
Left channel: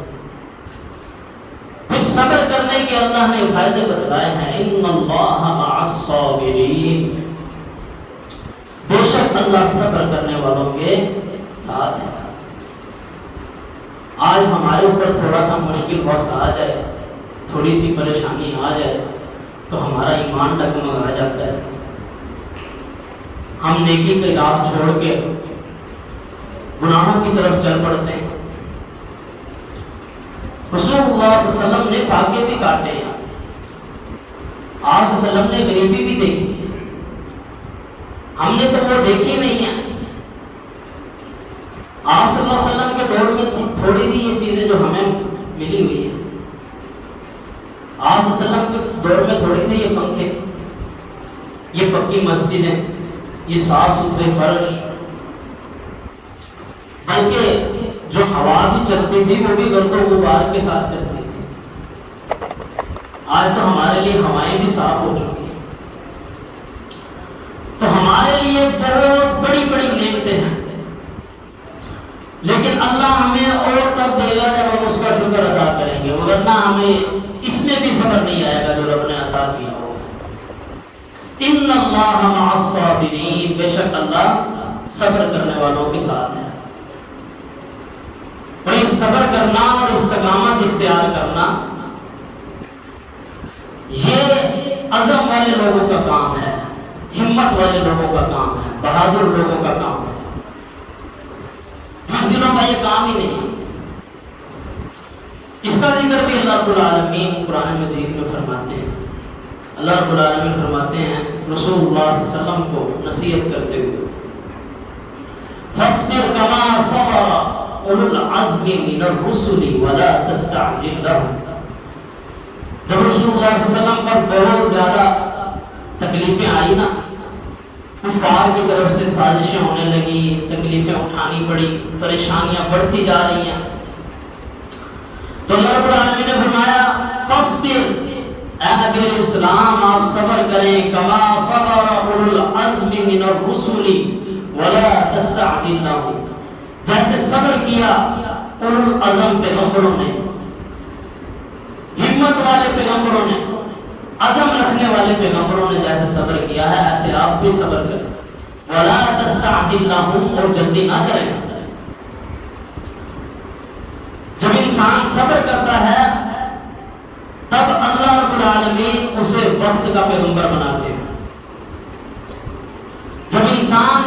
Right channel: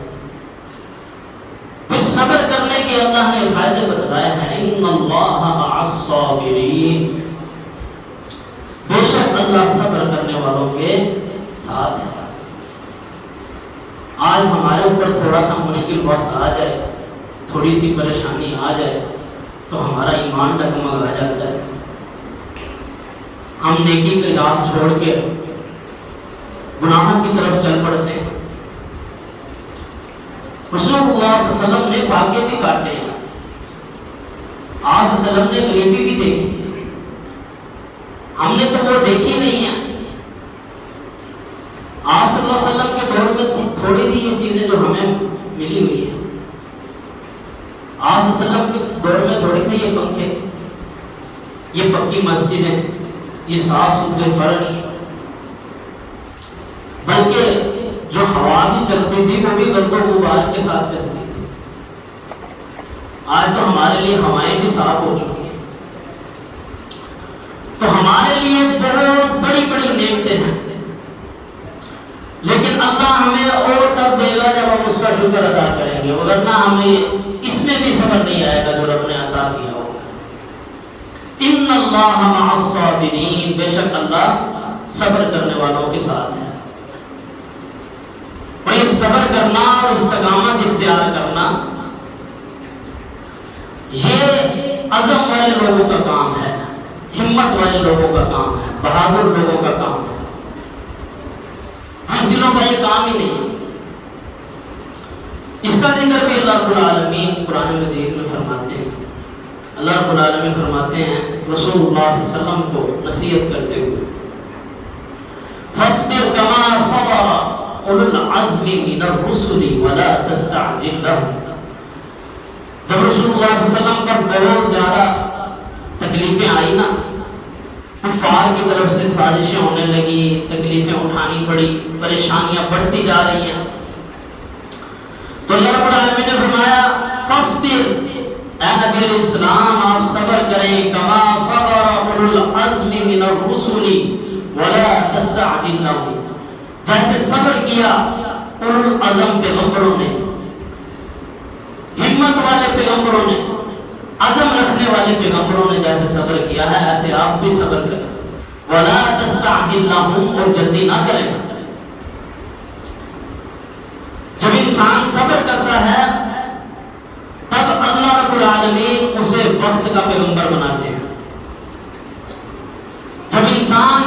پھر صبر کرنے کے اللہ نے فائدے بتلائے ہیں، ان اللہ مع الصابرین، بے شک اللہ صبر کرنے والوں کے ساتھ ہے۔ آج ہمارے اوپر تھوڑا سا مشکل وقت آ جائے تھوڑی سی پریشانی آ جائے تو ہمارا ایمان ڈگمگا جاتا ہے، ہم نیکی کی راہ چھوڑ کے گناہوں کی طرف چل پڑتے ہیں۔ رسول اللہ صلی اللہ علیہ وسلم نے فاقے بھی کاٹے ہیں، آپ صلی اللہ علیہ وسلم نے غریبی بھی دیکھی، ہم نے تو وہ دیکھی نہیں ہے۔ آپ صلی اللہ علیہ وسلم کے دور میں تھوڑی سی یہ چیزیں جو ہمیں ملی ہوئی ہیں، آپ صلی اللہ علیہ وسلم کے دور میں تھوڑی تھے یہ پنکھے، یہ پکی مسجدیں، یہ صاف ستھرے فرش، بلکہ جو ہوا بھی چلتی تھی وہ بھی گرد و غبار کے ساتھ چلتی تھی۔ آج تو ہمارے لیے ہوائیں بھی صاف ہو چکی ہیں، تو ہمارے لیے بہت بڑی بڑی نعمتیں ہیں، لیکن اللہ ہمیں اور تب دے گا جب ہم اس کا شکر ادا کریں گے، ورنہ ہمیں اس میں بھی صبر نہیں آئے گا جو رب نے عطا کیا ہوگا۔ ان اللہ مع الصابرین، بے شک اللہ صبر کرنے والوں کے ساتھ ہے۔ اور یہ صبر کرنا اور استقامت اختیار کرنا یہ عزم والے لوگوں کا کام ہے، ہمت والے لوگوں کا کام ہے، بہادر لوگوں کا کام ہے، دنوں کا یہ کام ہی نہیں ہے۔ اس کا ذکر بھی اللہ رب العالمین قرآن مجید میں فرماتے ہیں۔ اللہ رب العالمین فرماتے ہیں رسول اللہ صلی اللہ علیہ وسلم کو نصیحت کرتے ہوئے، فاصبر کما صبر اولو العزم من الرسل ولا تستعجل لهم۔ جب رسول اللہ صلی اللہ علیہ وسلم پر بہت زیادہ تکلیفیں آئی نا، کفار کی طرف سے سازشیں ہونے لگی، تکلیفیں اٹھانی پڑی، پریشانیاں بڑھتی جا رہی ہیں، تو اللہ رب العالمین نے فرمایا فاصبر، اے نبی علیہ السلام آپ صبر کریں، کما صبر اولو العزم من الرسل ولا تستعجل لهم، جیسے صبر کیا اولو العزم پیغمبروں نے، ہمت والے پیغمبروں نے، عزم رکھنے والے پیغمبروں نے جیسے صبر کیا ہے، ایسے آپ بھی صبر کریں، ولا تستعجل لهم، اور جلدی نہ کریں۔ جب انسان صبر کرتا ہے تب اللہ رب العالمین اسے وقت کا پیغمبر بناتے ہیں۔ جب انسان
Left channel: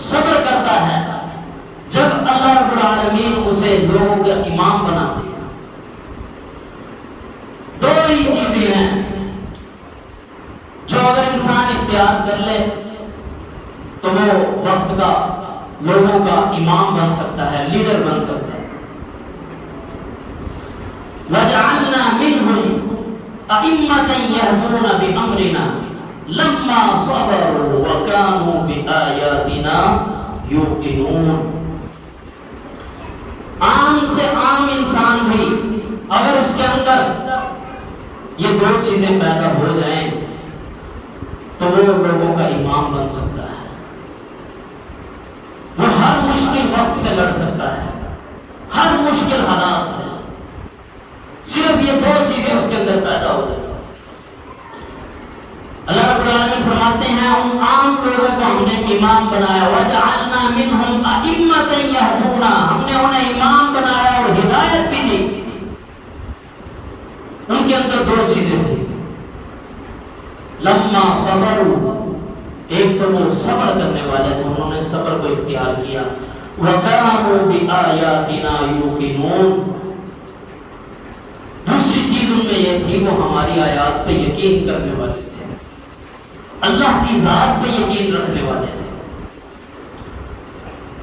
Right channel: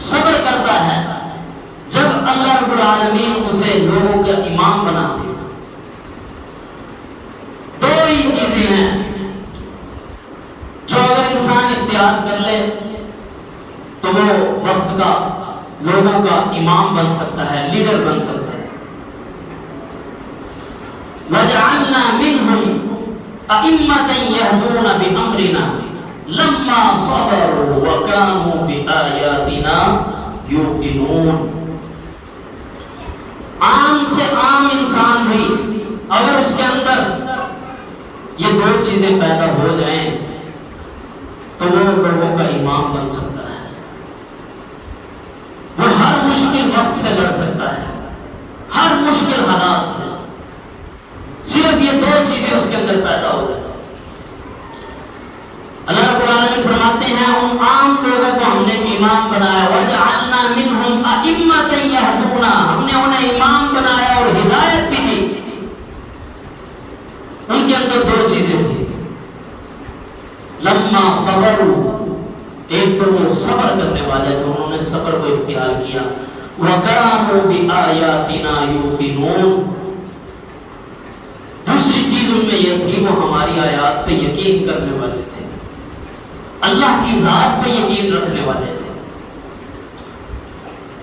صبر کرتا ہے، جب اللہ رب العالمین اسے لوگوں کا امام بناتے ہیں۔ دو ہی چیزیں ہیں جو اگر انسان اختیار کر لے تو وہ وقت کا، لوگوں کا امام بن سکتا ہے، لیڈر بن سکتا ہے۔ وَجَعَلْنَا مِنْهُمْ أَئِمَّةً يَهْدُونَ بِأَمْرِنَا لَمَّا صَبَرُوا وَكَانُوا بِآيَاتِنَا يُوقِنُونَ۔ عام سے عام انسان بھی اگر اس کے اندر یہ دو چیزیں پیدا ہو جائیں تو وہ لوگوں کا امام بن سکتا ہے، وہ ہر مشکل وقت سے لڑ سکتا ہے، ہر مشکل حالات سے، صرف یہ دو چیزیں اس کے اندر پیدا ہو جائیں۔ اللہ رب العالمین فرماتے ہیں ان عام لوگوں کو ہم نے امام بنایا، وَجَعَلْنَا مِنْهُمْ أَئِمَّةً يَهْدُونَ، ہم نے انہیں امام بنایا اور ہدایت بھی دی۔ ان کے اندر دو چیزیں تھیں، لَمَّا صَبَرُوا، ایک تو وہ صبر کرنے والے تھے، انہوں نے صبر کو اختیار کیا، وَكَانُوا بِآيَاتِنَا يُوقِنُونَ، دوسری چیز ان میں یہ تھی وہ ہماری آیات پہ یقین کرنے والے تھے، اللہ کی ذات پہ یقین رکھنے والے تھے۔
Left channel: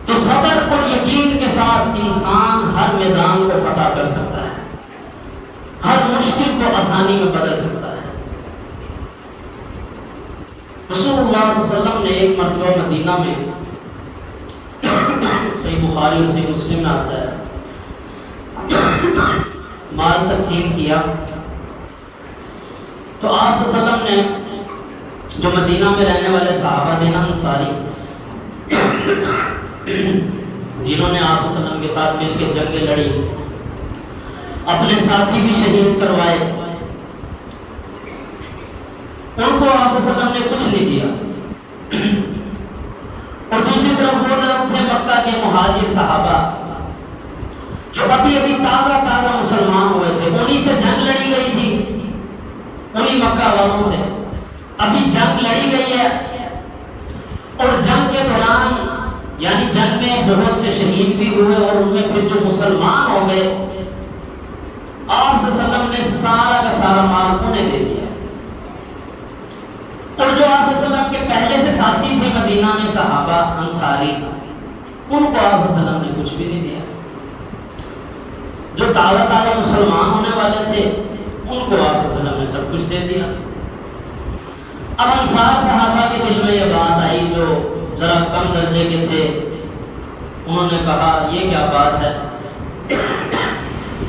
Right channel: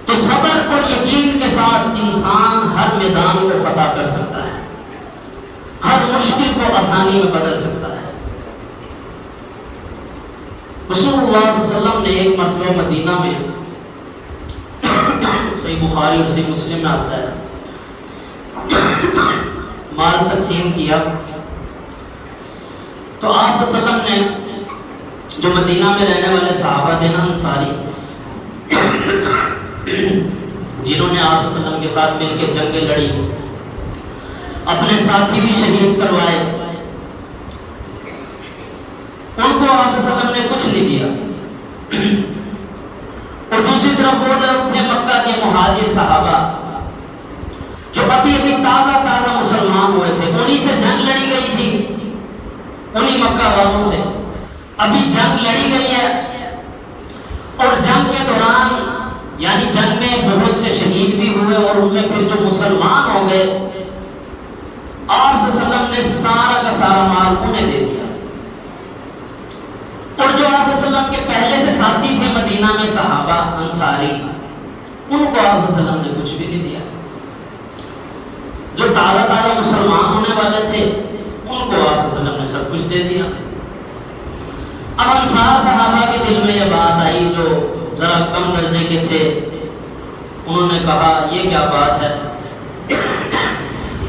تو صبر اور یقین کے ساتھ انسان ہر میدان کو فتح کر سکتا ہے، ہر مشکل کو آسانی میں بدل سکتا ہے۔ رسول اللہ صلی اللہ علیہ وسلم نے ایک مرتبہ مدینہ میں، صحیح بخاری اور صحیح مسلم میں آتا ہے، مال تقسیم کیا تو آپ صلی اللہ علیہ وسلم نے جو مدینہ میں رہنے والے صحابہ تھے نا، انصاری، جنہوں نے آپ صلی اللہ علیہ وسلم کے ساتھ مل کے جنگیں لڑی، اپنے ساتھی بھی شہید کروائے، ان کو آپ صلی اللہ علیہ وسلم نے کچھ نہیں دیا، اور دوسری طرف وہ لوگ تھے مکہ کے مہاجر صحابہ جو ابھی ابھی تازہ مسلمان ہوئے تھے، انہی سے جنگ لڑی گئی تھی، انہی مکہ والوں سے. ابھی جنگ لڑی گئی ہے اور جنگ کے دوران یعنی جنگ میں بہت سے شہید بھی ہوئے اور ان میں پھر جو مسلمان ہو گئے آپ صلی اللہ علیہ وسلم نے سارا کا سارا مال انہیں دے دیا. اور جو آپ صلی اللہ علیہ وسلم کے پہلے سے ساتھی تھے مدینہ میں صحابہ انصاری ان کو آپ صلی اللہ علیہ وسلم نے کچھ بھی نہیں دیا. جو تازہ تازہ مسلمان ہونے والے تھے ان کو آپ صلی اللہ علیہ وسلم نے سب کچھ دے دیا. اب انصار صحابہ کے دل میں یہ بات آئی جو ذرا کم درجے کے تھے. انہوں نے کہا یہ کیا بات ہے,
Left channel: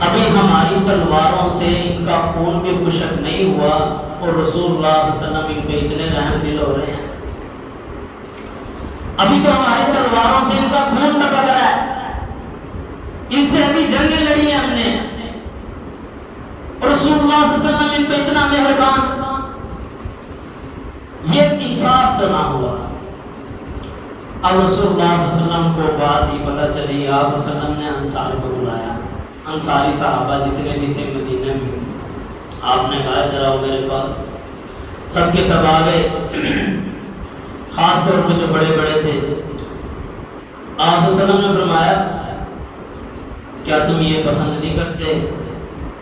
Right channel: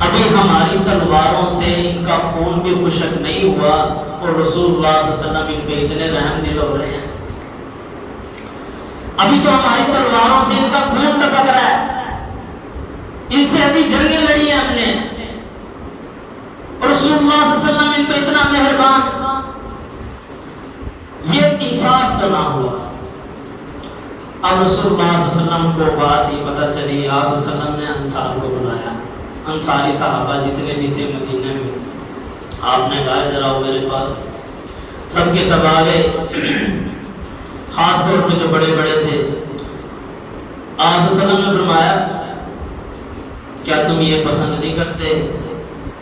ابھی ہماری تلواروں سے ان کا خون بھی خشک نہیں ہوا اور رسول اللہ صلی اللہ علیہ وسلم ان پہ اتنے رحم دل ہو رہے ہیں. ابھی تو ہماری تلواروں سے ان کا خون ٹپک رہا ہے, ان سے ابھی جنگیں لڑی ہیں ہم نے, رسول اللہ صلی اللہ علیہ وسلم ان پہ اتنا مہربان. یہ انصاف تو نہ ہوا. اب رسول اللہ صلی اللہ علیہ وسلم کو بات ہی پتہ چلی, آپ صلی اللہ علیہ وسلم نے انصار کو بلایا. انصاری صحابہ جتنے بھی تھے مدینے میں, آپ نے کہا ذرا آؤ میرے پاس. سب کے سب آ گئے, خاص طور پہ جو بڑے بڑے تھے. آپ صلی اللہ علیہ وسلم نے فرمایا کیا تم یہ پسند نہیں کرتے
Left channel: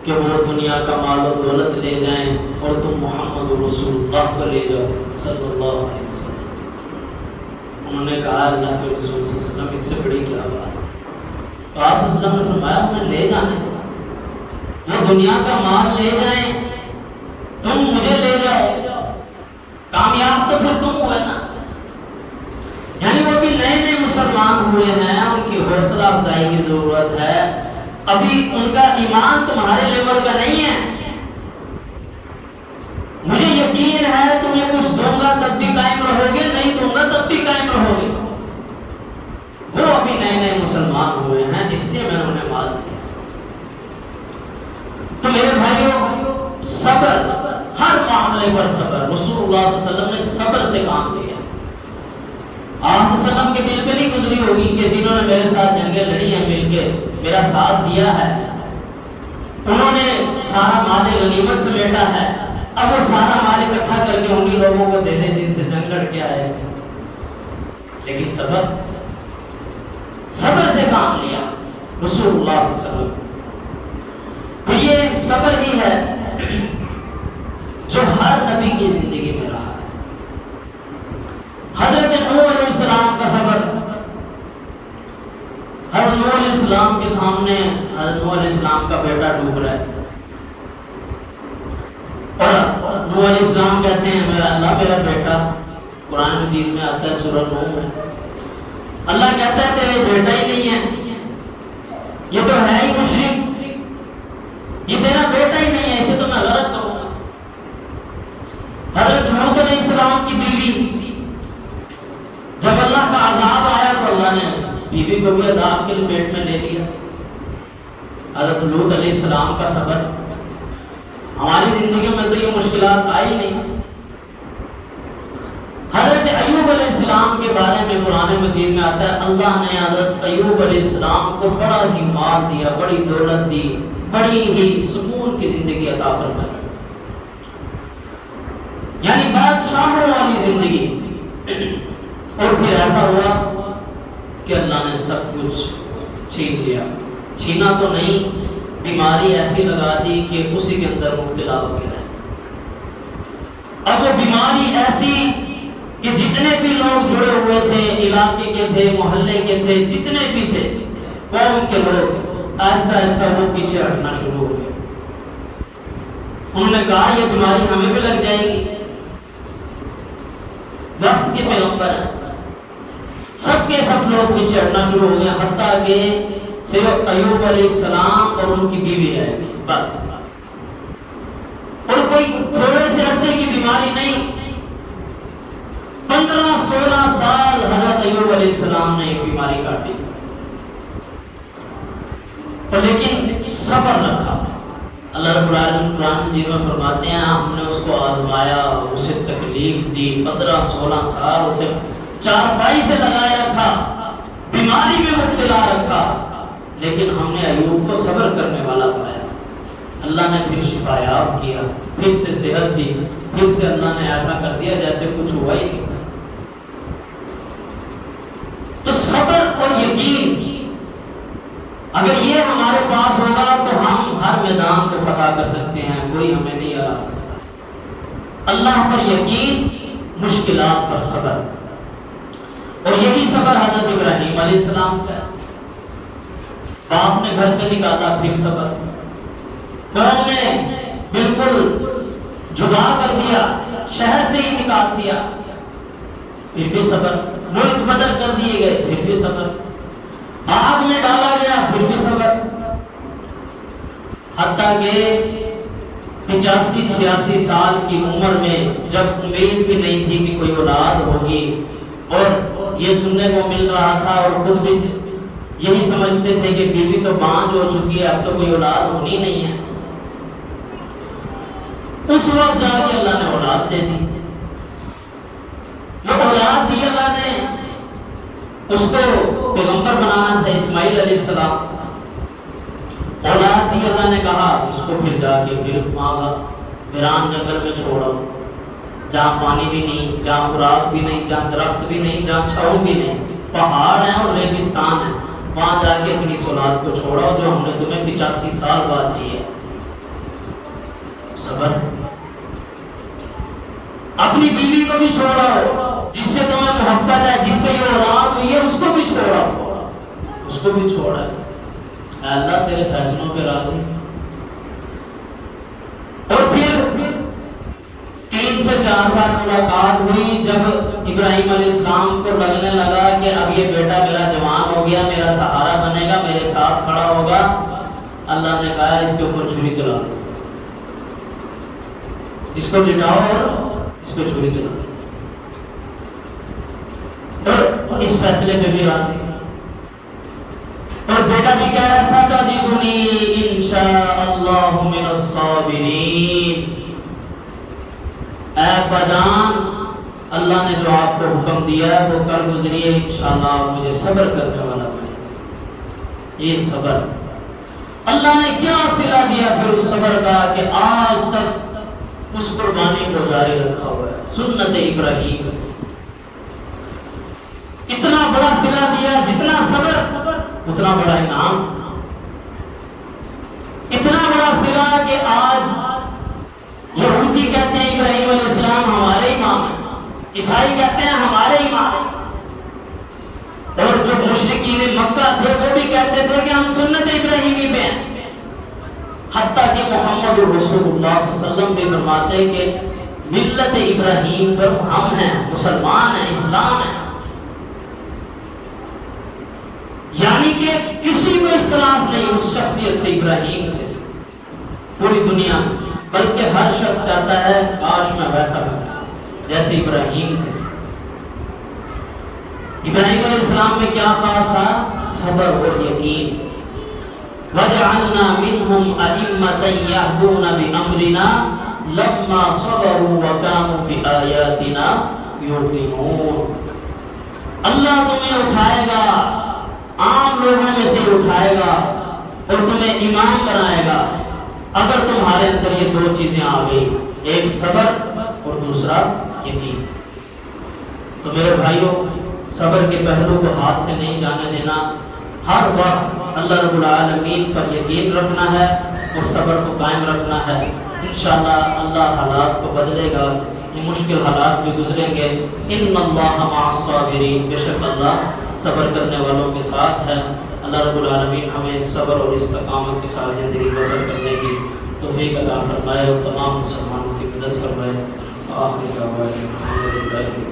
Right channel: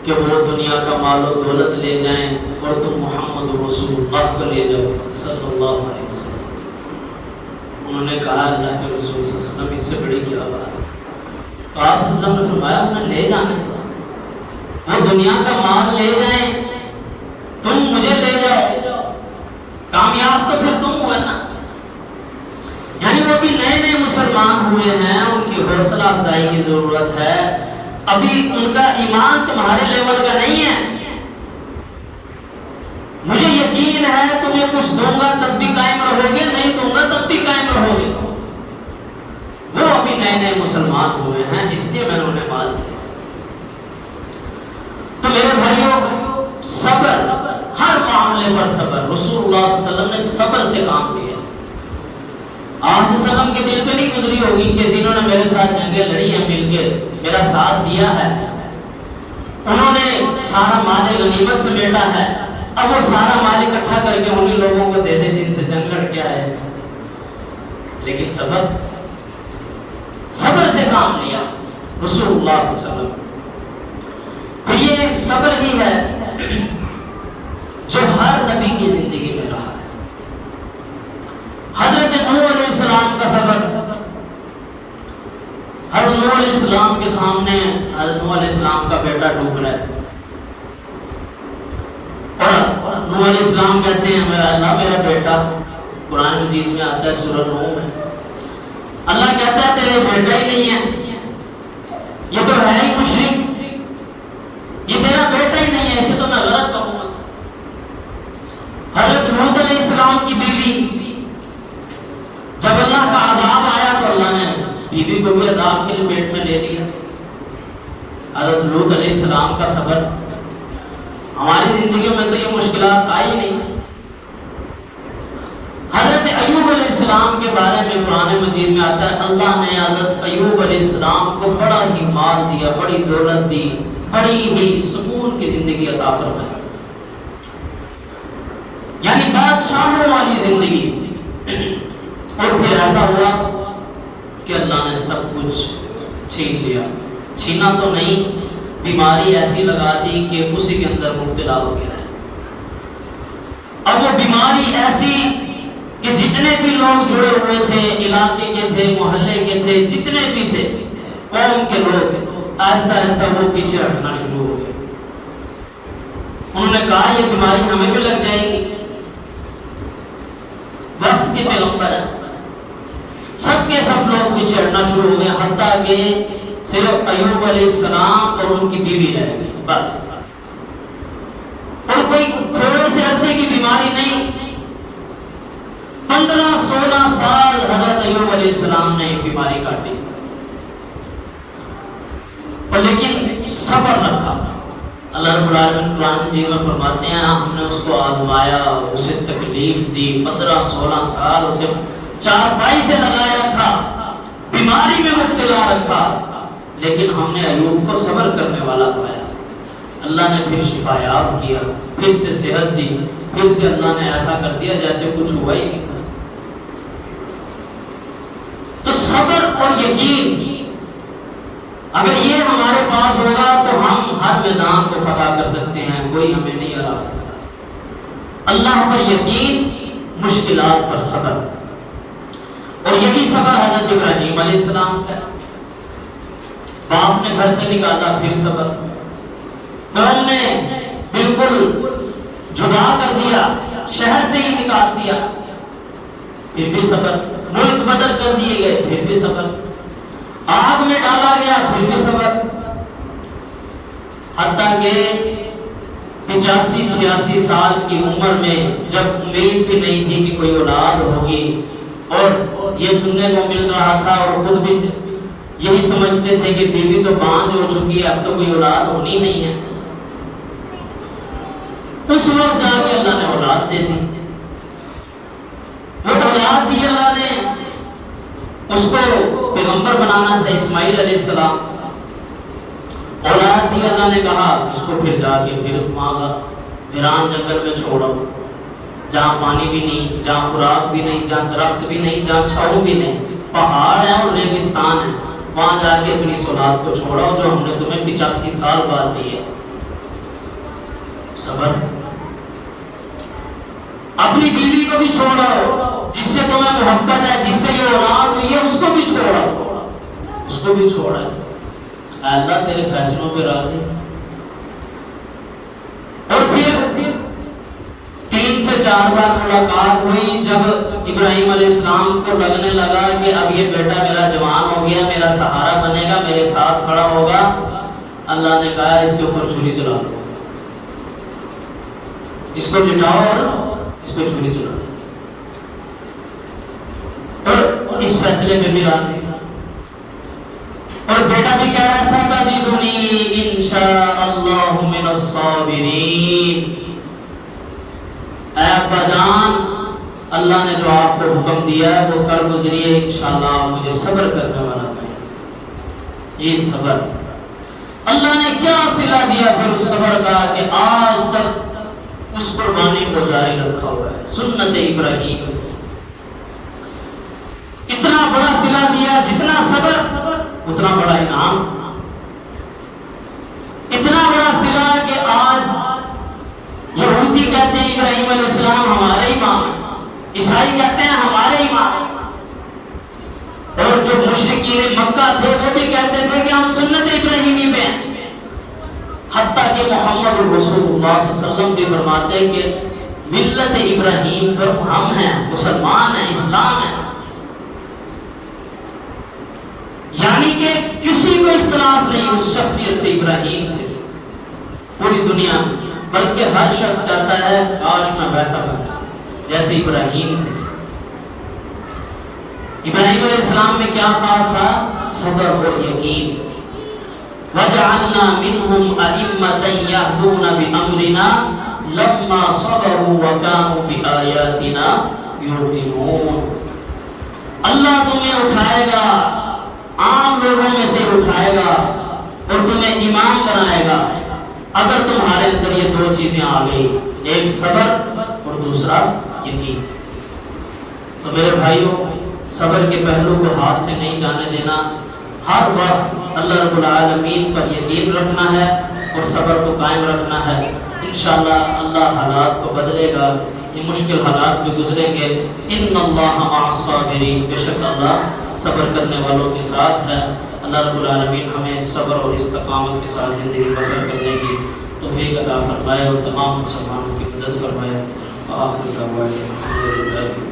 کہ وہ دنیا کا مال و دولت لے جائیں اور تم محمد رسول اللہ کو لے جاؤ صلی اللہ علیہ وسلم. انہوں نے کہا اللہ کے رسول صلی اللہ علیہ وسلم اس سے بڑی کیا بات ہے. تو آپ صلی اللہ علیہ وسلم نے فرمایا انہیں لے جانے دو, وہ دنیا کا مال لے جائیں, تم مجھے لے جاؤ, کامیاب تو پھر تم ہوئے نا. یعنی وہ بھی نئے نئے مسلمان ہوئے ہیں, ان کی حوصلہ افزائی کی ضرورت ہے. ابھی ان کا ایمان تمہارے لیول کا نہیں ہے. مجھے یقین ہے تمہیں کچھ دوں گا تب بھی قائم رہو گے, نہیں دوں گا تب بھی قائم رہو گے. وہ ابھی نئے نئے مسلمان ہوئے ہیں, اس لیے میں انہیں مال دیا. تو میرے بھائیوں صبر, ہر معاملے پر صبر. رسول اللہ صلی اللہ علیہ وسلم نے صبر سے کام لیا. آپ صلی اللہ علیہ وسلم کے دل پہ نہیں گزری ہوگی کہ جنہوں نے میرے ساتھ جنگیں لڑی ہیں مل کے میرا ساتھ دیا ہے, انہوں نے سارا مال غنیمت سمیٹا ہے, اب وہ سارا مال اکٹھا کر کے انہی لوگوں کو دے دیں جن سے جنگ لڑ کے آئے. لیکن صبر سے کام لیا رسول اللہ صلی اللہ علیہ وسلم. تو یہ صبر ہی ہے جو ہر نبی کی زندگی میں رہا ہے. حضرت نوح علیہ السلام کا صبر, حضرت نوح علیہ السلام کے سامنے حضرت نوح علیہ السلام کا بیٹا ڈوب رہا ہے, اور نوح علیہ السلام کہتے ہیں میرا اللہ میرا بیٹا. قرآن مجید میں آتا ہے سورہ نوح میں, اللہ کہتا ہے تیرے بیٹا ہی نہیں ہے, یہ تو ہے ہی مشرک, یہ تیرا بیٹا ہی نہیں ہے, اسے تو میں غلط کروں گا. حضرت لوط علیہ السلام کی بیوی, جب اللہ کا عذاب آیا تو اللہ نے بیوی کو بھی عذاب کے لپیٹ میں لے لیا. حضرت لوط علیہ السلام کا صبر. ہماری زندگی میں تو یہ مشکلات آئی نہیں. حضرت ایوب علیہ السلام کے بارے میں قرآن مجید میں آتا ہے اللہ نے حضرت ایوب علیہ السلام کو بڑا ہی مال دیا, بڑی دولت دی, بڑی ہی سکون کی زندگی عطا فرمائی, یعنی بادشاہوں والی زندگی. اور پھر ایسا ہوا کہ اللہ نے سب کچھ چھین لیا. چھینا تو نہیں, بیماری ایسی لگا دی کہ اسی کے اندر مبتلا ہو گیا. اب وہ بیماری ایسی کہ جتنے بھی لوگ جڑے ہوئے تھے, علاقے کے تھے, محلے کے تھے, جتنے بھی تھے قوم کے لوگ, آہستہ آہستہ وہ پیچھے ہٹنا شروع ہو گئے. انہوں نے کہا یہ بیماری ہمیں بھی لگ جائے گی. وقت کے پیغمبر ہیں, سب کے سب لوگ پیچھے ہٹنا شروع ہو گئے, حتیٰ کہ صرف ایوب علیہ السلام اور ان کی بیوی رہ گئی بس. اور کوئی تھوڑے سے عرصے کی بیماری نہیں, 15-16 سال حضرت ایوب علیہ السلام نے ایک بیماری کاٹی, لیکن صبر رکھا. اللہ رب العالمین قرآن مجید میں فرماتے ہیں ہم نے اس کو آزمایا, اسے تکلیف دی, 15-16 سال اسے چارپائی سے لگائے رکھا, بیماری میں مبتلا رکھا, لیکن ہم نے ایوب کو صبر کرنے والا پایا. اللہ نے پھر شفایاب کیا، پھر سے صحت دی، پھر سے اللہ نے ایسا کر دیا جیسے کچھ ہوا ہی نہیں تھا۔ تو صبر اور یقین اگر یہ ہمارے پاس ہوگا تو ہم ہر میدان کو فتح کر سکتے ہیں، کوئی ہمیں نہیں ہرا سکتا۔ اللہ پر یقین، مشکلات پر صبر، اور یہی صبر حضرت ابراہیم علیہ السلام کا، باپ نے گھر سے نکالا پھر صبر، قوم نے بالکل جدا کر دیا، شہر سے ہی نکال دیا، پھر بھی صبر، ملک بدل کر دیے گئے پھر بھی صبر، آگ میں ڈالا گیا پھر بھی صبر، حتیٰ کہ 85-86 سال کی عمر میں جب امید بھی نہیں تھی کہ کوئی اولاد ہوگی، اور یہ سننے کو مل رہا تھا اور خود بھی یہی سمجھتے تھے کہ بیوی تو باندھ ہو چکی ہے، اب تو کوئی اولاد ہونی نہیں ہے، اس وقت جا کے اللہ نے اولاد دے دی۔ وہ اولاد دی اللہ نے، اس کو پیغمبر بنانا تھا، اسماعیل علیہ السلام، اولاد دی اللہ نے کہا اس کو پھر جا کے پھر ویران جنگل میں چھوڑو، جہاں پانی بھی نہیں، جہاں خوراک بھی نہیں، جہاں درخت بھی نہیں، جہاں چھاؤں بھی نہیں، پہاڑ ہیں اور ریگستان ہے، وہاں جا کے اپنی اولاد کو چھوڑو جو ہم نے تمہیں 85 سال بعد دی ہے۔ صبر۔ اپنی بیوی کو بھی چھوڑو جس سے تمہیں محبت ہے، جس سے یہ اولاد ہوئی ہے، اس کو بھی چھوڑو، اس کو بھی چھوڑو، اللہ تیرے فیصلوں پہ راضی۔ اور پھر 3 سے 4 بار ملاقات ہوئی، جب ابراہیم علیہ السلام کو لگنے لگا کہ اب یہ بیٹا میرا جوان ہو گیا، میرا سہارا بنے گا، میرے ساتھ کھڑا ہوگا، اللہ نے کہا اس کے اوپر چھری چلا دو، اس کو لٹاؤ اور اس کو چھری چلا دو، اور اس فیصلے پہ بھی راضی۔ اور بیٹا بھی کہہ رہا ستجدنی انشاءاللہ من الصابرین، اے ابا جان اللہ نے جو آپ کو حکم دیا ہے وہ کر گزریے، انشاءاللہ مجھے صبر کرنے والا ہے۔ یہ صبر اللہ نے کیا صلہ دیا پھر اس صبر کا کہ آج تک اس قربانی کو جاری رکھا ہوا ہے، سنت ابراہیم، اتنا بڑا صلہ دیا، جتنا صبر اتنا بڑا انعام، اتنا بڑا صلہ کہ آج یہودی کہتے ہیں ابراہیم علیہ السلام ہمارے امام، عیسائی کہتے ہیں ہمارے امام، اور جو مشرکین مکہ تھے وہ بھی کہتے تھے کہ ہم سنت ابراہیمی پہ ہیں، حتیٰ کہ محمد رسول اللہ صلی اللہ علیہ وسلم بھی فرماتے ہیں کہ ملت ابراہیم پر ہم ہیں، مسلمان ہیں، اسلام ہے، یعنی کہ کسی کو اختلاف نہیں اس شخصیت سے، ابراہیم سے، پوری دنیا، بلکہ ہر شخص چاہتا ہے کاش میں ویسا ہوں جیسے ابراہیم تھے۔ ابراہیم علیہ السلام میں کیا خاص تھا؟ صبر اور یقین۔ وَجَعَلْنَا مِنْهُمْ أَئِمَّةً يَهْدُونَ بِأَمْرِنَا لَمَّا صَبَرُوا وَكَانُوا بِآيَاتِنَا يُوقِنُونَ۔ اللہ تمہیں اٹھائے گا، عام لوگوں میں سے اٹھائے گا اور تمہیں امام بنائے گا اگر تمہارے اندر یہ 2 چیزیں آ گئی، ایک صبر اور دوسرا یقین۔ تو میرے بھائیوں، صبر کے پہلو کو ہاتھ سے نہیں جانے دینا، ہر وقت اللہ رب العالمین پر یقین رکھنا ہے اور صبر کو قائم رکھنا ہے۔ انشاءاللہ اللہ حالات کو بدلے گا، یہ مشکل حالات بھی گزریں گے۔ ان اللہ مع الصابرین، بے شک اللہ صبر کرنے والوں کے ساتھ ہے۔ اللہ رب العالمین ہمیں صبر اور استقامت کے ساتھ زندگی بسر کرنے کی توفیق عطا فرمائے اور تمام مسلمانوں کی مدد فرمائے۔ وآخر دعوانا الحمدللہ۔